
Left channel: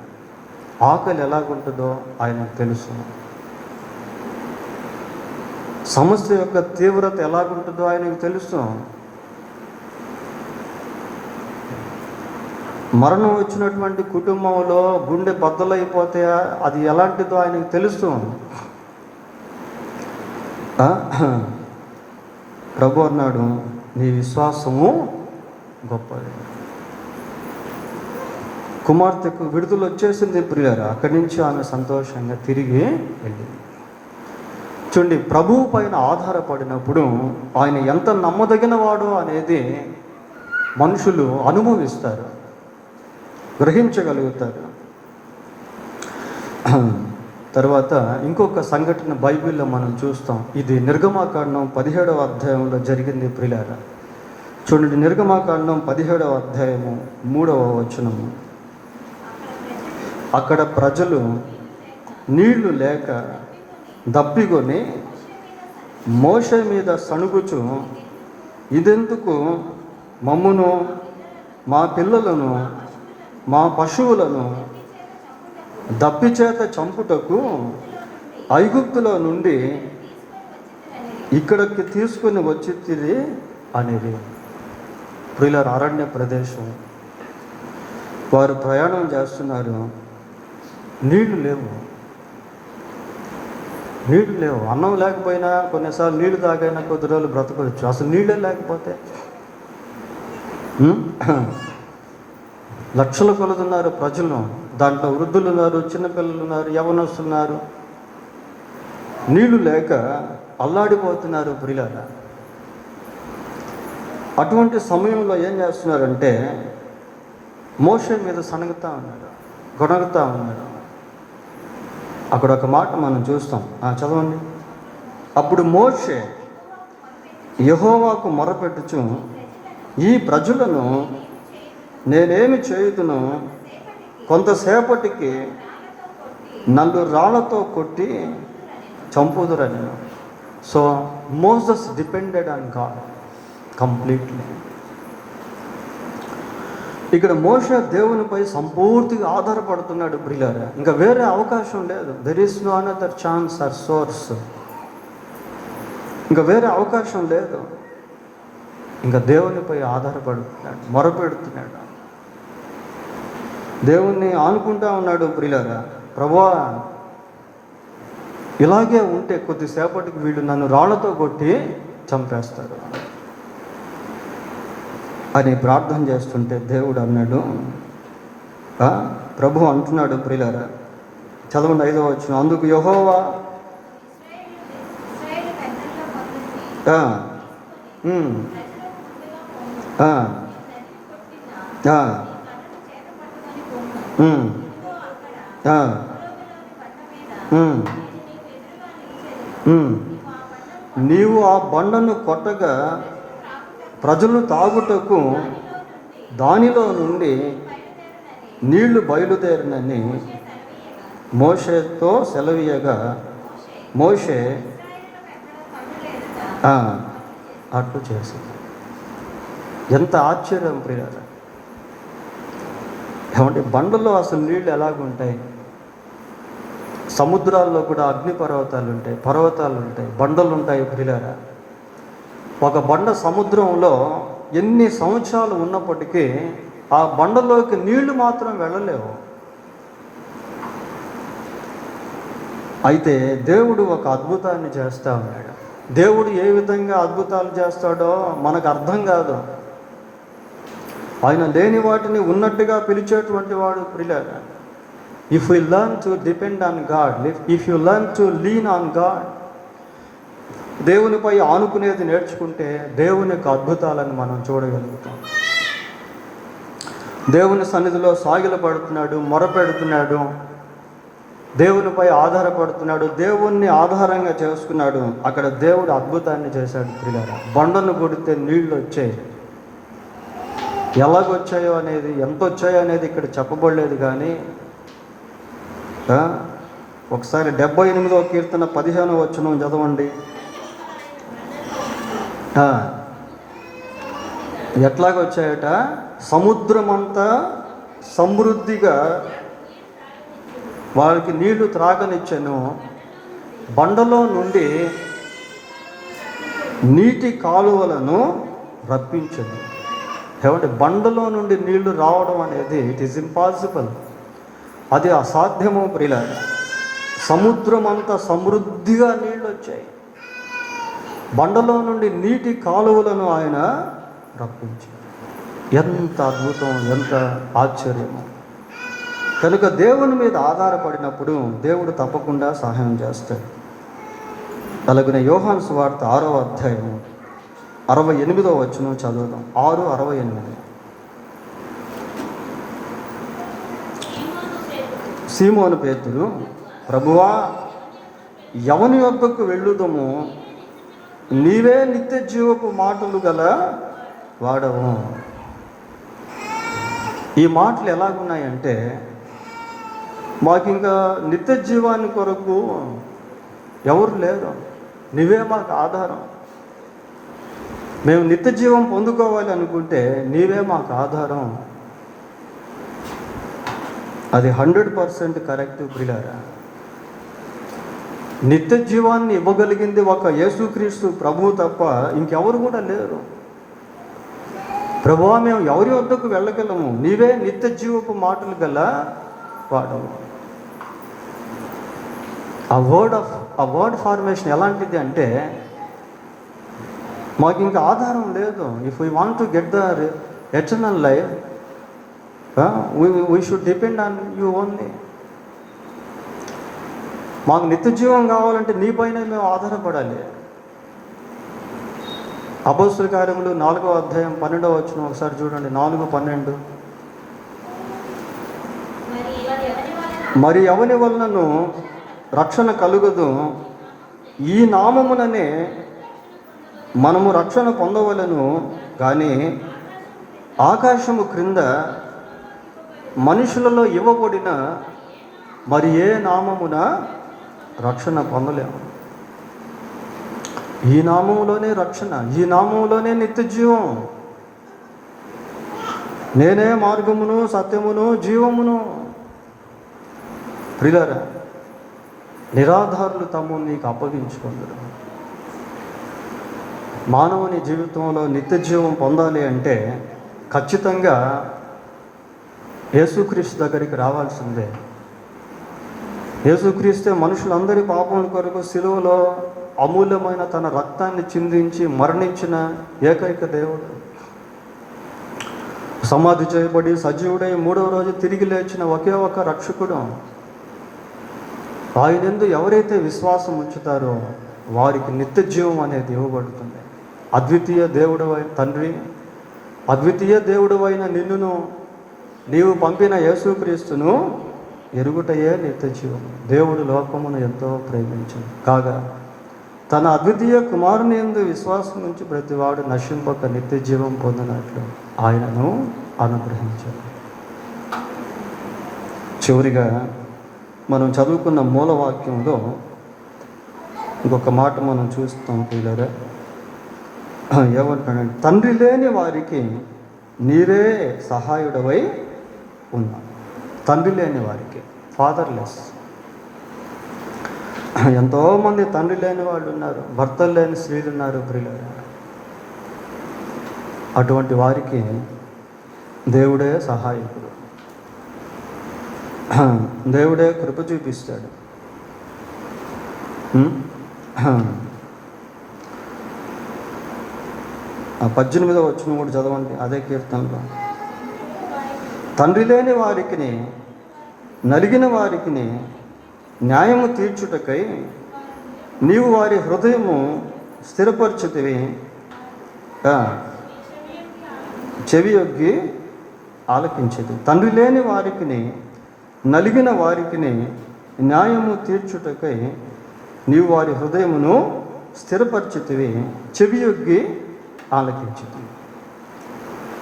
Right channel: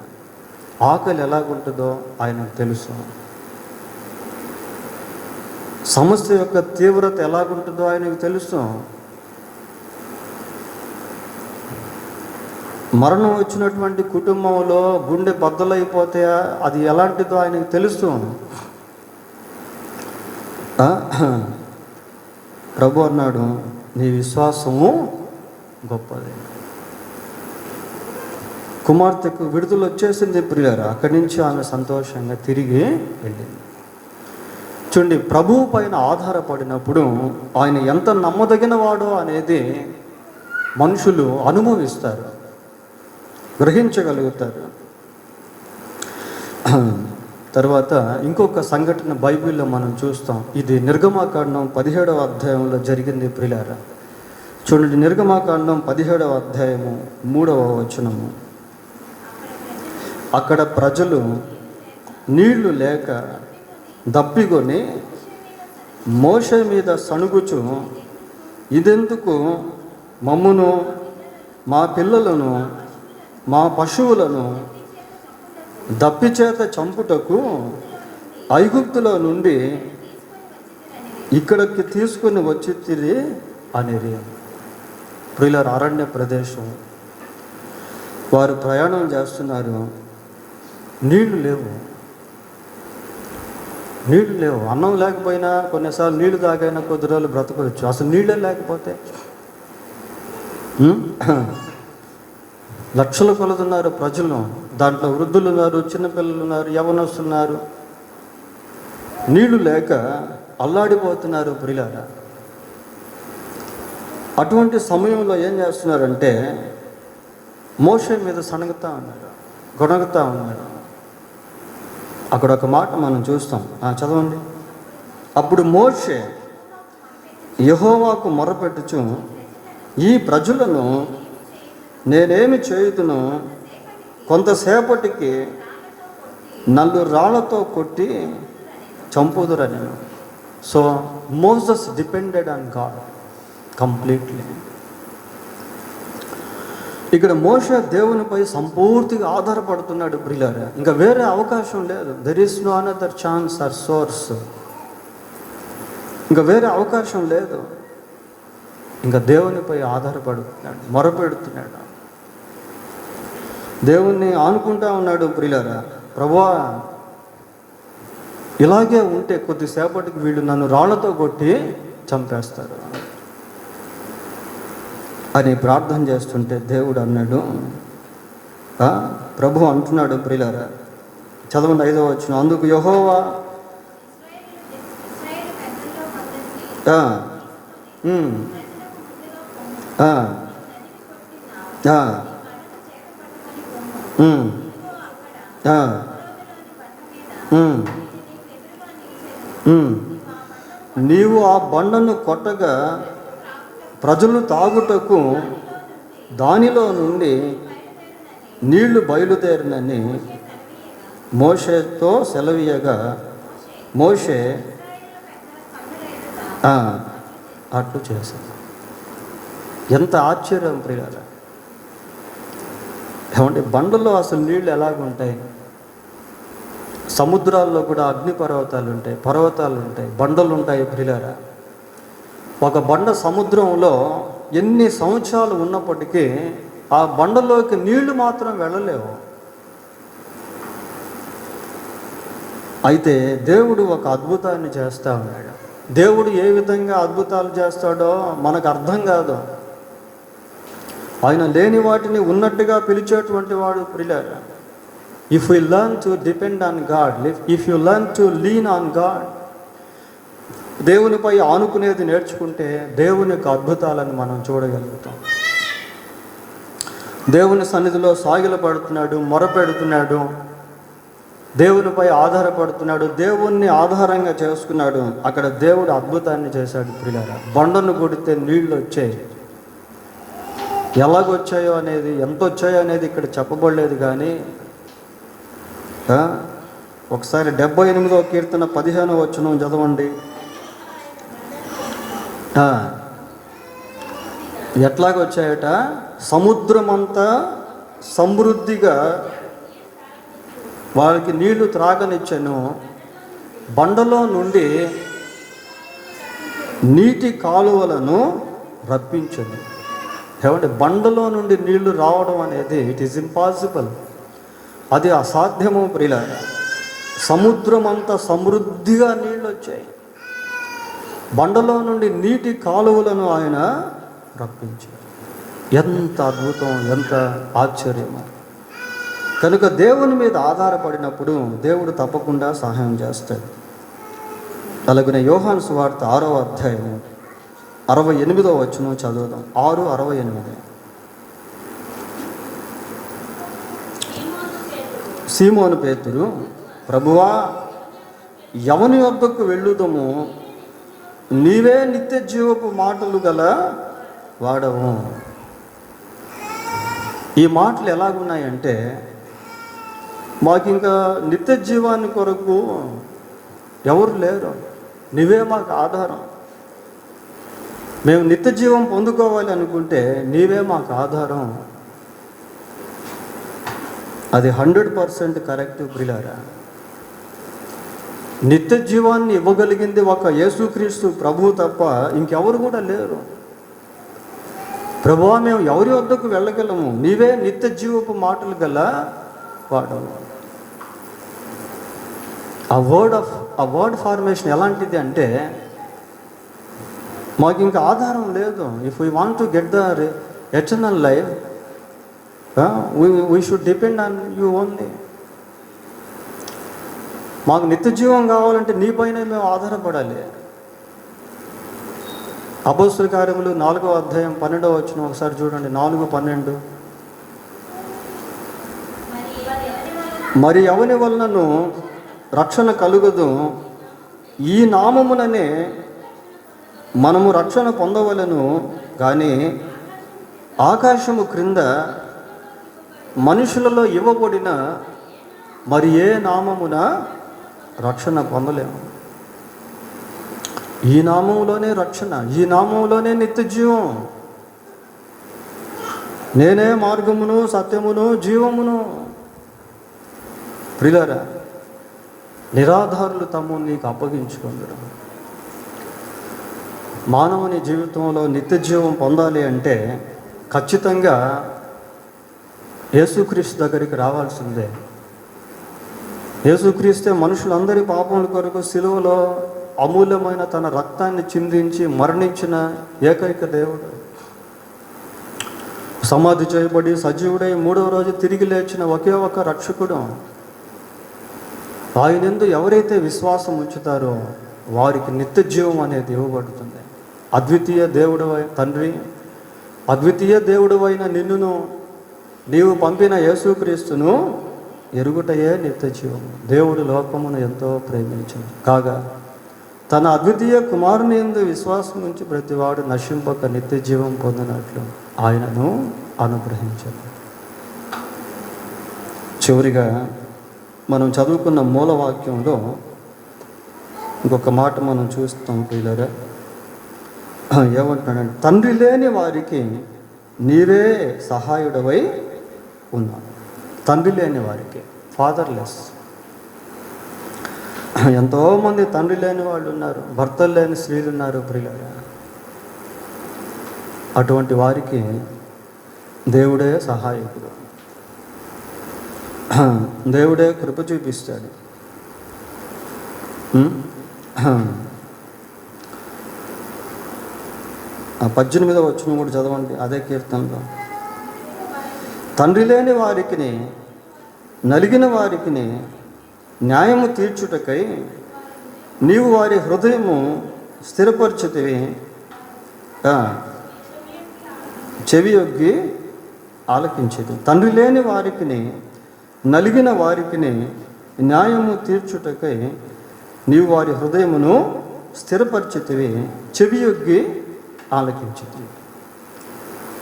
ఆకలి ఎలాగుంటుందో ఆయనకు తెలుసు. సమస్య యొక్క తీవ్రత ఎలాగుంటుందో ఆయనకు తెలుసు. మరణం వచ్చినటువంటి కుటుంబంలో గుండె బద్దలైపోతే అది ఎలాంటిదో ఆయనకు తెలుసు. ప్రభు అన్నాడు, నీ విశ్వాసము గొప్పది. కుమార్తెకు విడుదల వచ్చేసింది ప్రియులారా. అక్కడి నుంచి ఆమె సంతోషంగా తిరిగి వెళ్ళింది. చూడండి, ప్రభువు పైన ఆధారపడినప్పుడు ఆయన ఎంత నమ్మదగిన వాడో అనేది మనుషులు అనుభవిస్తారు, గ్రహించగలుగుతారు. తర్వాత ఇంకొక సంఘటన బైబిల్లో మనం చూస్తాం. ఇది నిర్గమాకాండం 17వ అధ్యాయంలో జరిగింది ప్రియులారా. చూడండి, నిర్గమాకాండం 17వ అధ్యాయము 3వ వచనము. అక్కడ ప్రజలు నీళ్లు లేక దప్పికొని మోషే మీద సణుగుచు, ఇదెందుకు మమ్మును, మా పిల్లలను, మా పశువులను దప్పిచేత చంపుటకు ఐగుప్తులో నుండి ఇక్కడికి తీసుకుని వచ్చితిరి అనేది. ప్రియులారా, అరణ్య ప్రదేశం, వారు ప్రయాణం చేస్తున్నారు, నీళ్లు లేవు. అన్నం లేకపోయినా కొన్నిసార్లు నీళ్లు తాగైనా కొద్ది రోజులు బ్రతకవచ్చు. అసలు నీళ్ళే లేకపోతే లక్షల కొలుతున్నారు ప్రజలు. దాంట్లో వృద్ధులు ఉన్నారు, చిన్నపిల్లలు ఉన్నారు, యవ్వనస్తున్నారు. నీళ్లు లేక అల్లాడిపోతున్నారు ప్రియులారా. అటువంటి సమయంలో ఏం చేస్తున్నారంటే మోషే మీద సణగుతా ఉన్నారు, గొణగుతా ఉన్నారు. అక్కడ ఒక మాట మనం చూస్తాం, చదవండి. అప్పుడు మోషే యెహోవాకు మొరపెట్టుచు, ఈ ప్రజలను నేనేమి చేయుదును, కొంతసేపటికి నన్ను రాళ్లతో కొట్టి చంపుదురని. So Moses depended on God completely. ఇక్కడ మోషే దేవునిపై సంపూర్తిగా ఆధారపడుతున్నాడు ప్రియులారా. ఇంకా వేరే అవకాశం లేదు. There is no another chance or source. ఇంకా వేరే అవకాశం లేదు. ఇంకా దేవునిపై ఆధారపడుతున్నాడు, మొరపెడుతున్నాడు, దేవుణ్ణి ఆనుకుంటా ఉన్నాడు ప్రియులారా. ప్రభువా, ఇలాగే ఉంటే కొద్దిసేపటికి వీళ్ళు నన్ను రాళ్లతో కొట్టి చంపేస్తారు అని ప్రార్థన చేస్తుంటే దేవుడు అన్నాడు, ప్రభు అంటున్నాడు ప్రియులారా, చదవండి 5వ వచనం. అందుకు యెహోవా నీవు ఆ బండను కొట్టగా ప్రజలు తాగుటకు దానిలో నుండి నీళ్లు బయలుదేరినని మోషేతో సెలవీయగా మోషే అట్లు చేసింది. ఎంత ఆశ్చర్యం ప్రియారా. ఏమంటే బండలో అసలు నీళ్ళు ఎలాగుంటాయి? సముద్రాల్లో కూడా అగ్నిపర్వతాలు ఉంటాయి, పర్వతాలు ఉంటాయి, బండలు ఉంటాయి ప్రియారా. ఒక బండ సముద్రంలో ఎన్ని సంవత్సరాలు ఉన్నప్పటికీ ఆ బండలోకి నీళ్లు మాత్రం వెళ్ళలేవు. అయితే దేవుడు ఒక అద్భుతాన్ని చేస్తా ఉన్నాడు. దేవుడు ఏ విధంగా అద్భుతాలు చేస్తాడో మనకు అర్థం కాదు. ఆయన లేని వాటిని ఉన్నట్టుగా పిలిచేటువంటి వాడు ప్రియులారా. If you learn to depend on God, if you learn to lean on God, దేవునిపై ఆనుకునేది నేర్చుకుంటే దేవుని యొక్క అద్భుతాలను మనం చూడగలుగుతాం. దేవుని సన్నిధిలో సాగిలపడుతున్నాడు, మొరపెడుతున్నాడు, దేవునిపై ఆధారపడుతున్నాడు, దేవుణ్ణి ఆధారంగా చేసుకున్నాడు. అక్కడ దేవుడు అద్భుతాన్ని చేశాడు ప్రియులారా. బండను కొడితే నీళ్ళు వచ్చాయి. ఎలాగొచ్చాయో అనేది, ఎంత వచ్చాయో అనేది ఇక్కడ చెప్పబడలేదు. కానీ ఒకసారి 78వ కీర్తన 15వ వచనం చదవండి. ఎట్లాగొచ్చాయట? సముద్రమంతా సమృద్ధిగా వారికి నీళ్లు త్రాగనిచ్చెను, బండలో నుండి నీటి కాలువలను రప్పించను. ఏమంటే బండలో నుండి నీళ్లు రావడం అనేది ఇట్ ఈస్ ఇంపాసిబుల్, అది అసాధ్యము ప్రియులారా. సముద్రం అంతా సమృద్ధిగా నీళ్ళు వచ్చాయి, బండలో నుండి నీటి కాలువలను ఆయన రప్పించాడు. ఎంత అద్భుతం, ఎంత ఆశ్చర్యం. కనుక దేవుని మీద ఆధారపడినప్పుడు దేవుడు తప్పకుండా సహాయం చేస్తాడు. అలాగే యోహాను సువార్త 6వ అధ్యాయం 68వ వచనం చదువుదాం. 6:68. సీమోను పేతురు, ప్రభువా, ఎవని వద్దకు వెళ్ళుదము, నీవే నిత్య జీవపు మాటలు గల వాడవు. ఈ మాటలు ఎలాగున్నాయంటే మాకు ఇంకా నిత్య జీవాన్ని కొరకు ఎవరు లేరు, నీవే మాకు ఆధారం. మేము నిత్య జీవం పొందుకోవాలి అనుకుంటే నీవే మాకు ఆధారం. అది 100% కరెక్ట్ ప్రియులారా. నిత్య జీవాన్ని ఇవ్వగలిగింది ఒక యేసుక్రీస్తు ప్రభువు తప్ప ఇంకెవరు కూడా లేరు. ప్రభువా, మేము ఎవరి వద్దకు వెళ్ళగలము? నీవే నిత్య జీవపు మాటలు గల వాడవు. ఆ వర్డ్ ఫార్మేషన్ ఎలాంటిది అంటే, మాకు ఇంకా ఆధారం లేదు. If we want to get the eternal life, we should depend on you only. మాకు నిత్య జీవం కావాలంటే నీ పైన మేము ఆధారపడాలి. అపోస్తుల కార్యములు 4వ అధ్యాయం 12వ వచనం ఒకసారి చూడండి. 4:12. మరి ఎవని వలనను రక్షణ కలుగదు, ఈ నామముననే మనము రక్షణ పొందవలను కానీ ఆకాశము క్రింద మనుషులలో ఇవ్వబడిన మరి ఏ నామమున రక్షణ పొందలేము. ఈ నామములోనే రక్షణ, ఈ నామములోనే నిత్య జీవం. నేనే మార్గమును, సత్యమును, జీవమును. ప్రియులారా, నిరాధారులు తమ్ము నీకు అప్పగించుకుందరు. మానవుని జీవితంలో నిత్య జీవం పొందాలి అంటే ఖచ్చితంగా యేసుక్రీస్తు దగ్గరికి రావాల్సిందే. యేసుక్రీస్తే మనుషులందరి పాపముల కొరకు సిలువలో అమూల్యమైన తన రక్తాన్ని చిందించి మరణించిన ఏకైక దేవుడు. సమాధి చేయబడి సజీవుడై 3వ రోజు తిరిగి లేచిన ఒకే ఒక రక్షకుడు. ఆయనందు ఎవరైతే విశ్వాసం ఉంచుతారో వారికి నిత్య జీవం అనేది ఇవ్వబడుతుంది. అద్వితీయ దేవుడు తండ్రి, అద్వితీయ దేవుడు అయిన నిన్నును, నీవు పంపిన యేసుక్రీస్తును ఎరుగుటయే నిత్య జీవం. దేవుడు లోకమును ఎంతో ప్రేమించింది కాగా తన అద్వితీయ కుమారుని యందు విశ్వాసం నుంచి ప్రతివాడు నశింపక నిత్య జీవం పొందినట్లు ఆయనను అనుగ్రహించాడు. చివరిగా మనం చదువుకున్న మూలవాక్యంలో ఇంకొక మాట మనం చూస్తాం పిల్లరా. ఏమంటాడంటే, తండ్రి లేని వారికి నీవే సహాయుడవై ఉన్నావు. తండ్రి లేని వారికి, ఫాదర్లెస్. ఎంతోమంది తండ్రి లేని వాళ్ళు ఉన్నారు, భర్తలు లేని స్త్రీలు ఉన్నారు ప్రియులారా. అటువంటి వారికి దేవుడే సహాయకుడు, దేవుడే కృప చూపిస్తాడు. 18వ వచనం కూడా చదవండి, అదే కీర్తనలో. తండ్రి లేని వారికి, నలిగిన వారికి న్యాయము తీర్చుటకై నీవు వారి హృదయము స్థిరపరచుతివి, చెవియొగ్గి ఆలకించేది. తండ్రి లేని వారికి, నలిగిన వారికి న్యాయము తీర్చుటకై నీవు వారి హృదయమును స్థిరపరచుతివి, చెవియొగ్గి ఆలకించేది.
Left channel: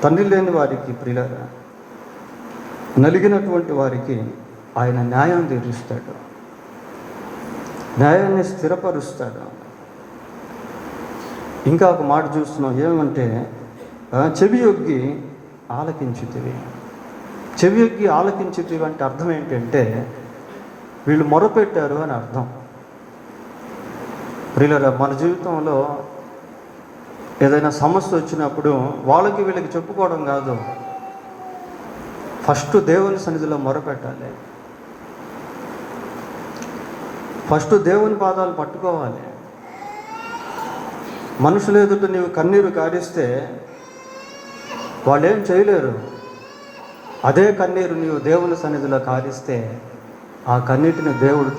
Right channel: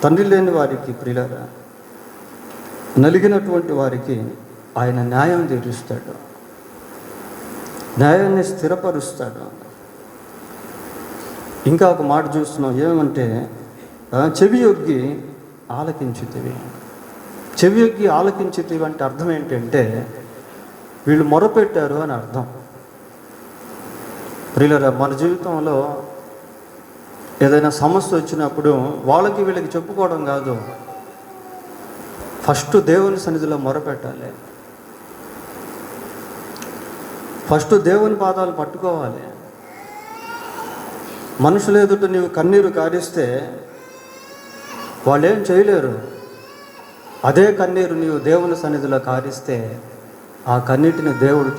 తండ్రి లేని వారికి ప్రియులారా, నలిగినటువంటి వారికి ఆయన న్యాయం తీరుస్తాడు, న్యాయాన్ని స్థిరపరుస్తాడు. ఇంకా ఒక మాట చూస్తున్నాం, ఏమంటే చెవియొగ్గి ఆలకించుతివి. చెవియొగ్గి ఆలకించుతివి అంటే అర్థం ఏంటంటే వీళ్ళు మొరపెట్టారు అని అర్థం. ప్రియులారా, మన జీవితంలో ఏదైనా సమస్య వచ్చినప్పుడు వాళ్ళకి వీళ్ళకి చెప్పుకోవడం కాదు, ఫస్ట్ దేవుని సన్నిధిలో మొరపెట్టాలి. ఫస్ట్ దేవుని పాదాలు పట్టుకోవాలి. మనుషులు ఎదుట నీవు కన్నీరు కారిస్తే వాళ్ళు ఏం చేయలేరు. అదే కన్నీరు నీవు దేవుని సన్నిధిలో కారిస్తే ఆ కన్నీటిని దేవుడు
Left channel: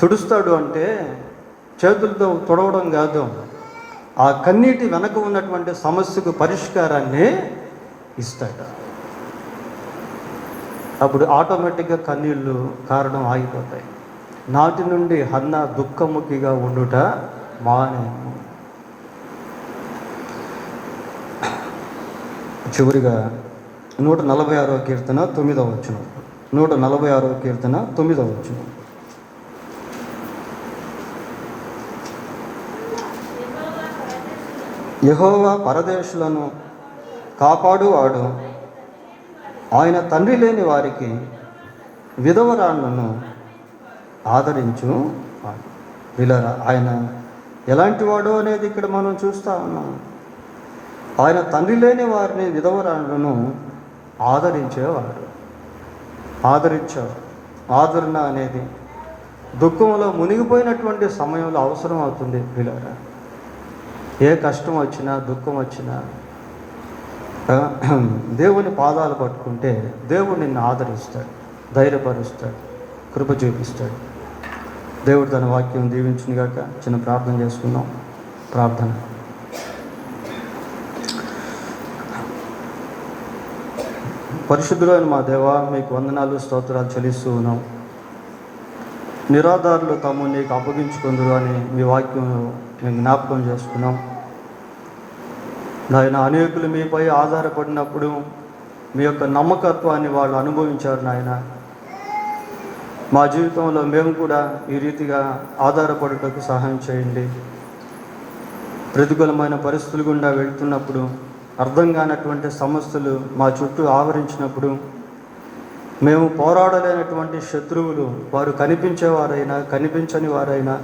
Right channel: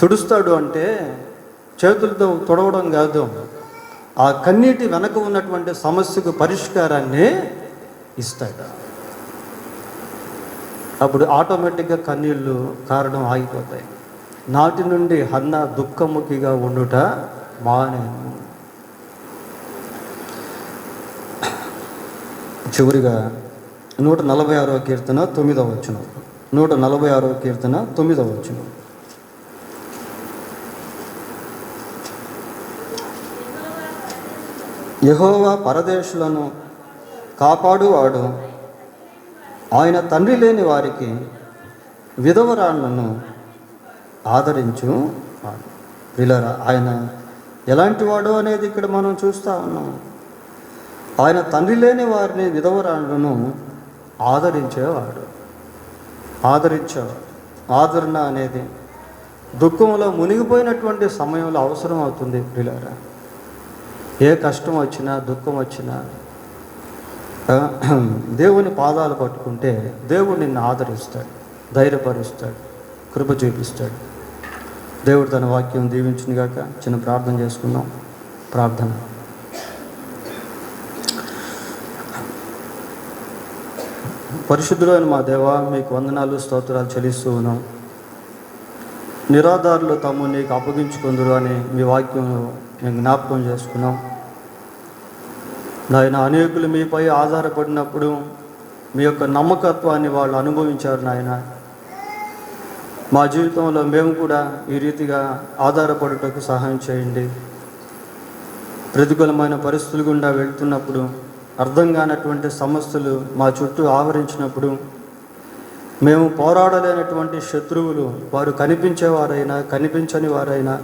తుడుస్తాడు అంటే చేతులతో తుడవడం కాదు, ఆ కన్నీటి వెనక ఉన్నటువంటి సమస్యకు పరిష్కారాన్ని ఇస్తాడు. అప్పుడు ఆటోమేటిక్గా కన్నీళ్ళు కారణం ఆగిపోతాయి. నాటి నుండి హన్న దుఃఖముఖిగా ఉండుట మానేను. చివరిగా 146వ కీర్తన 9వ వచనం. 146వ కీర్తన 9వ వచనం. యెహోవా పరదేశులను కాపాడువాడు, ఆయన తండ్రి లేని వారికి విధవరాళ్లను ఆదరించు. వీళ్ళరా, ఆయన ఎలాంటి వాడు అనేది ఇక్కడ మనం చూస్తూ ఉన్నాం. ఆయన తండ్రి లేని వారిని, విధవరాళ్లను ఆదరించేవాడు. ఆదరించాడు. ఆదరణ అనేది దుఃఖంలో మునిగిపోయినటువంటి సమయంలో అవసరం అవుతుంది. వీళ్ళరా, ఏ కష్టం వచ్చినా, దుఃఖం వచ్చినా దేవుని పాదాలు పట్టుకుంటే దేవుడు నిన్ను ఆదరిస్తాడు, ధైర్యపరుస్తాడు, కృప చూపిస్తాడు. దేవుడు తన వాక్యం దీవించునుగాక. చిన్న ప్రార్థన చేసుకుందాం. ప్రార్థన. పరిశుద్ధులైన మా దేవ, మీకు వందనాలు, స్తోత్రాలు చెల్లిస్తూ ఉన్నాం. నిరాధారులు తాము నీకు అప్పగించుకుందురు అని మీ వాక్యం మేము జ్ఞాపకం చేసుకున్నాం. నాయన, అనేకులు మీపై ఆధారపడినప్పుడు మీ యొక్క నమ్మకత్వాన్ని వాళ్ళు అనుభవించారు. నాయన, మా జీవితంలో మేము కూడా ఈ రీతిగా ఆధారపడుటకు సహాయం చేయండి. ప్రతికూలమైన పరిస్థితులు గుండా వెళ్తున్నప్పుడు, అర్థం కానటువంటి సమస్యలు మా చుట్టూ ఆవరించినప్పుడు, మేము పోరాడలేనటువంటి శత్రువులు, వారు కనిపించేవారైనా కనిపించని వారైనా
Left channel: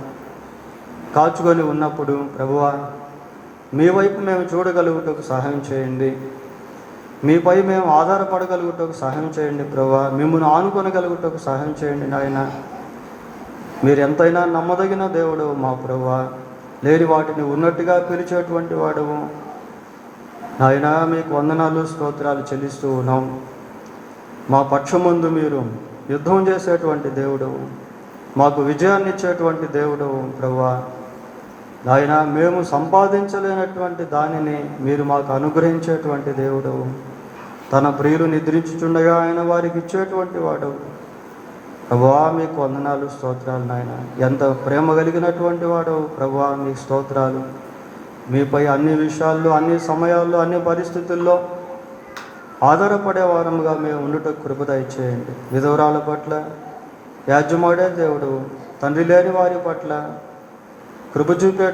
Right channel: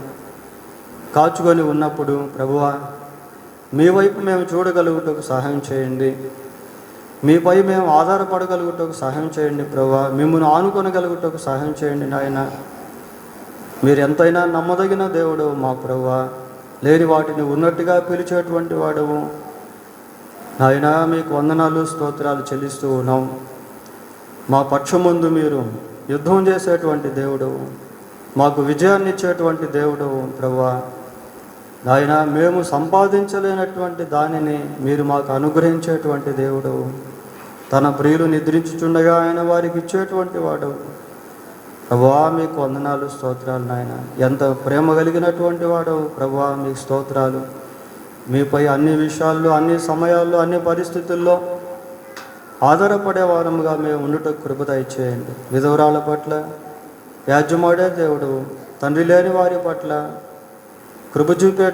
కాచుకొని ఉన్నప్పుడు, ప్రభువా మీ వైపు మేము చూడగలుగుటకు సహాయం చేయండి. మీపై మేము ఆధారపడగలుగుటకు సహాయం చేయండి. ప్రభువా మిమ్మల్ని ఆనుకొనగలుగుటకు సహాయం చేయండి. నాయన, మీరు ఎంతైనా నమ్మదగిన దేవుడు మా ప్రభువా. లేని వాటిని ఉన్నట్టుగా పిలిచేటువంటి వాడము. నాయన, మీకు వందనాలు, స్తోత్రాలు చెల్లిస్తూ ఉన్నాం. మా పక్షమందు మీరు యుద్ధం చేసేటువంటి దేవుడు, మాకు విజయాన్ని ఇచ్చేటువంటి దేవుడు ప్రభువా. నాయన, మేము సంపాదించలేనటువంటి దానిని మీరు మాకు అనుగ్రహించేటువంటి దేవుడు. తన ప్రియులు నిద్రించుచుండగా ఆయన వారికి ఇచ్చేటువంటి వాడు. ప్రభువా మీకు వందనాలు, స్తోత్రాలు. నాయన, ఎంత ప్రేమ కలిగినటువంటి వాడు ప్రభువా. మీకు స్తోత్రాలు. మీపై అన్ని విషయాల్లో, అన్ని సమయాల్లో, అన్ని పరిస్థితుల్లో ఆధారపడే వారముగా మేము ఉండుటకు కృప దయచేయండి. విధవరాల పట్ల యాజ్యమాడే దేవుడు, తండ్రి లేని వారి పట్ల కృప చూపే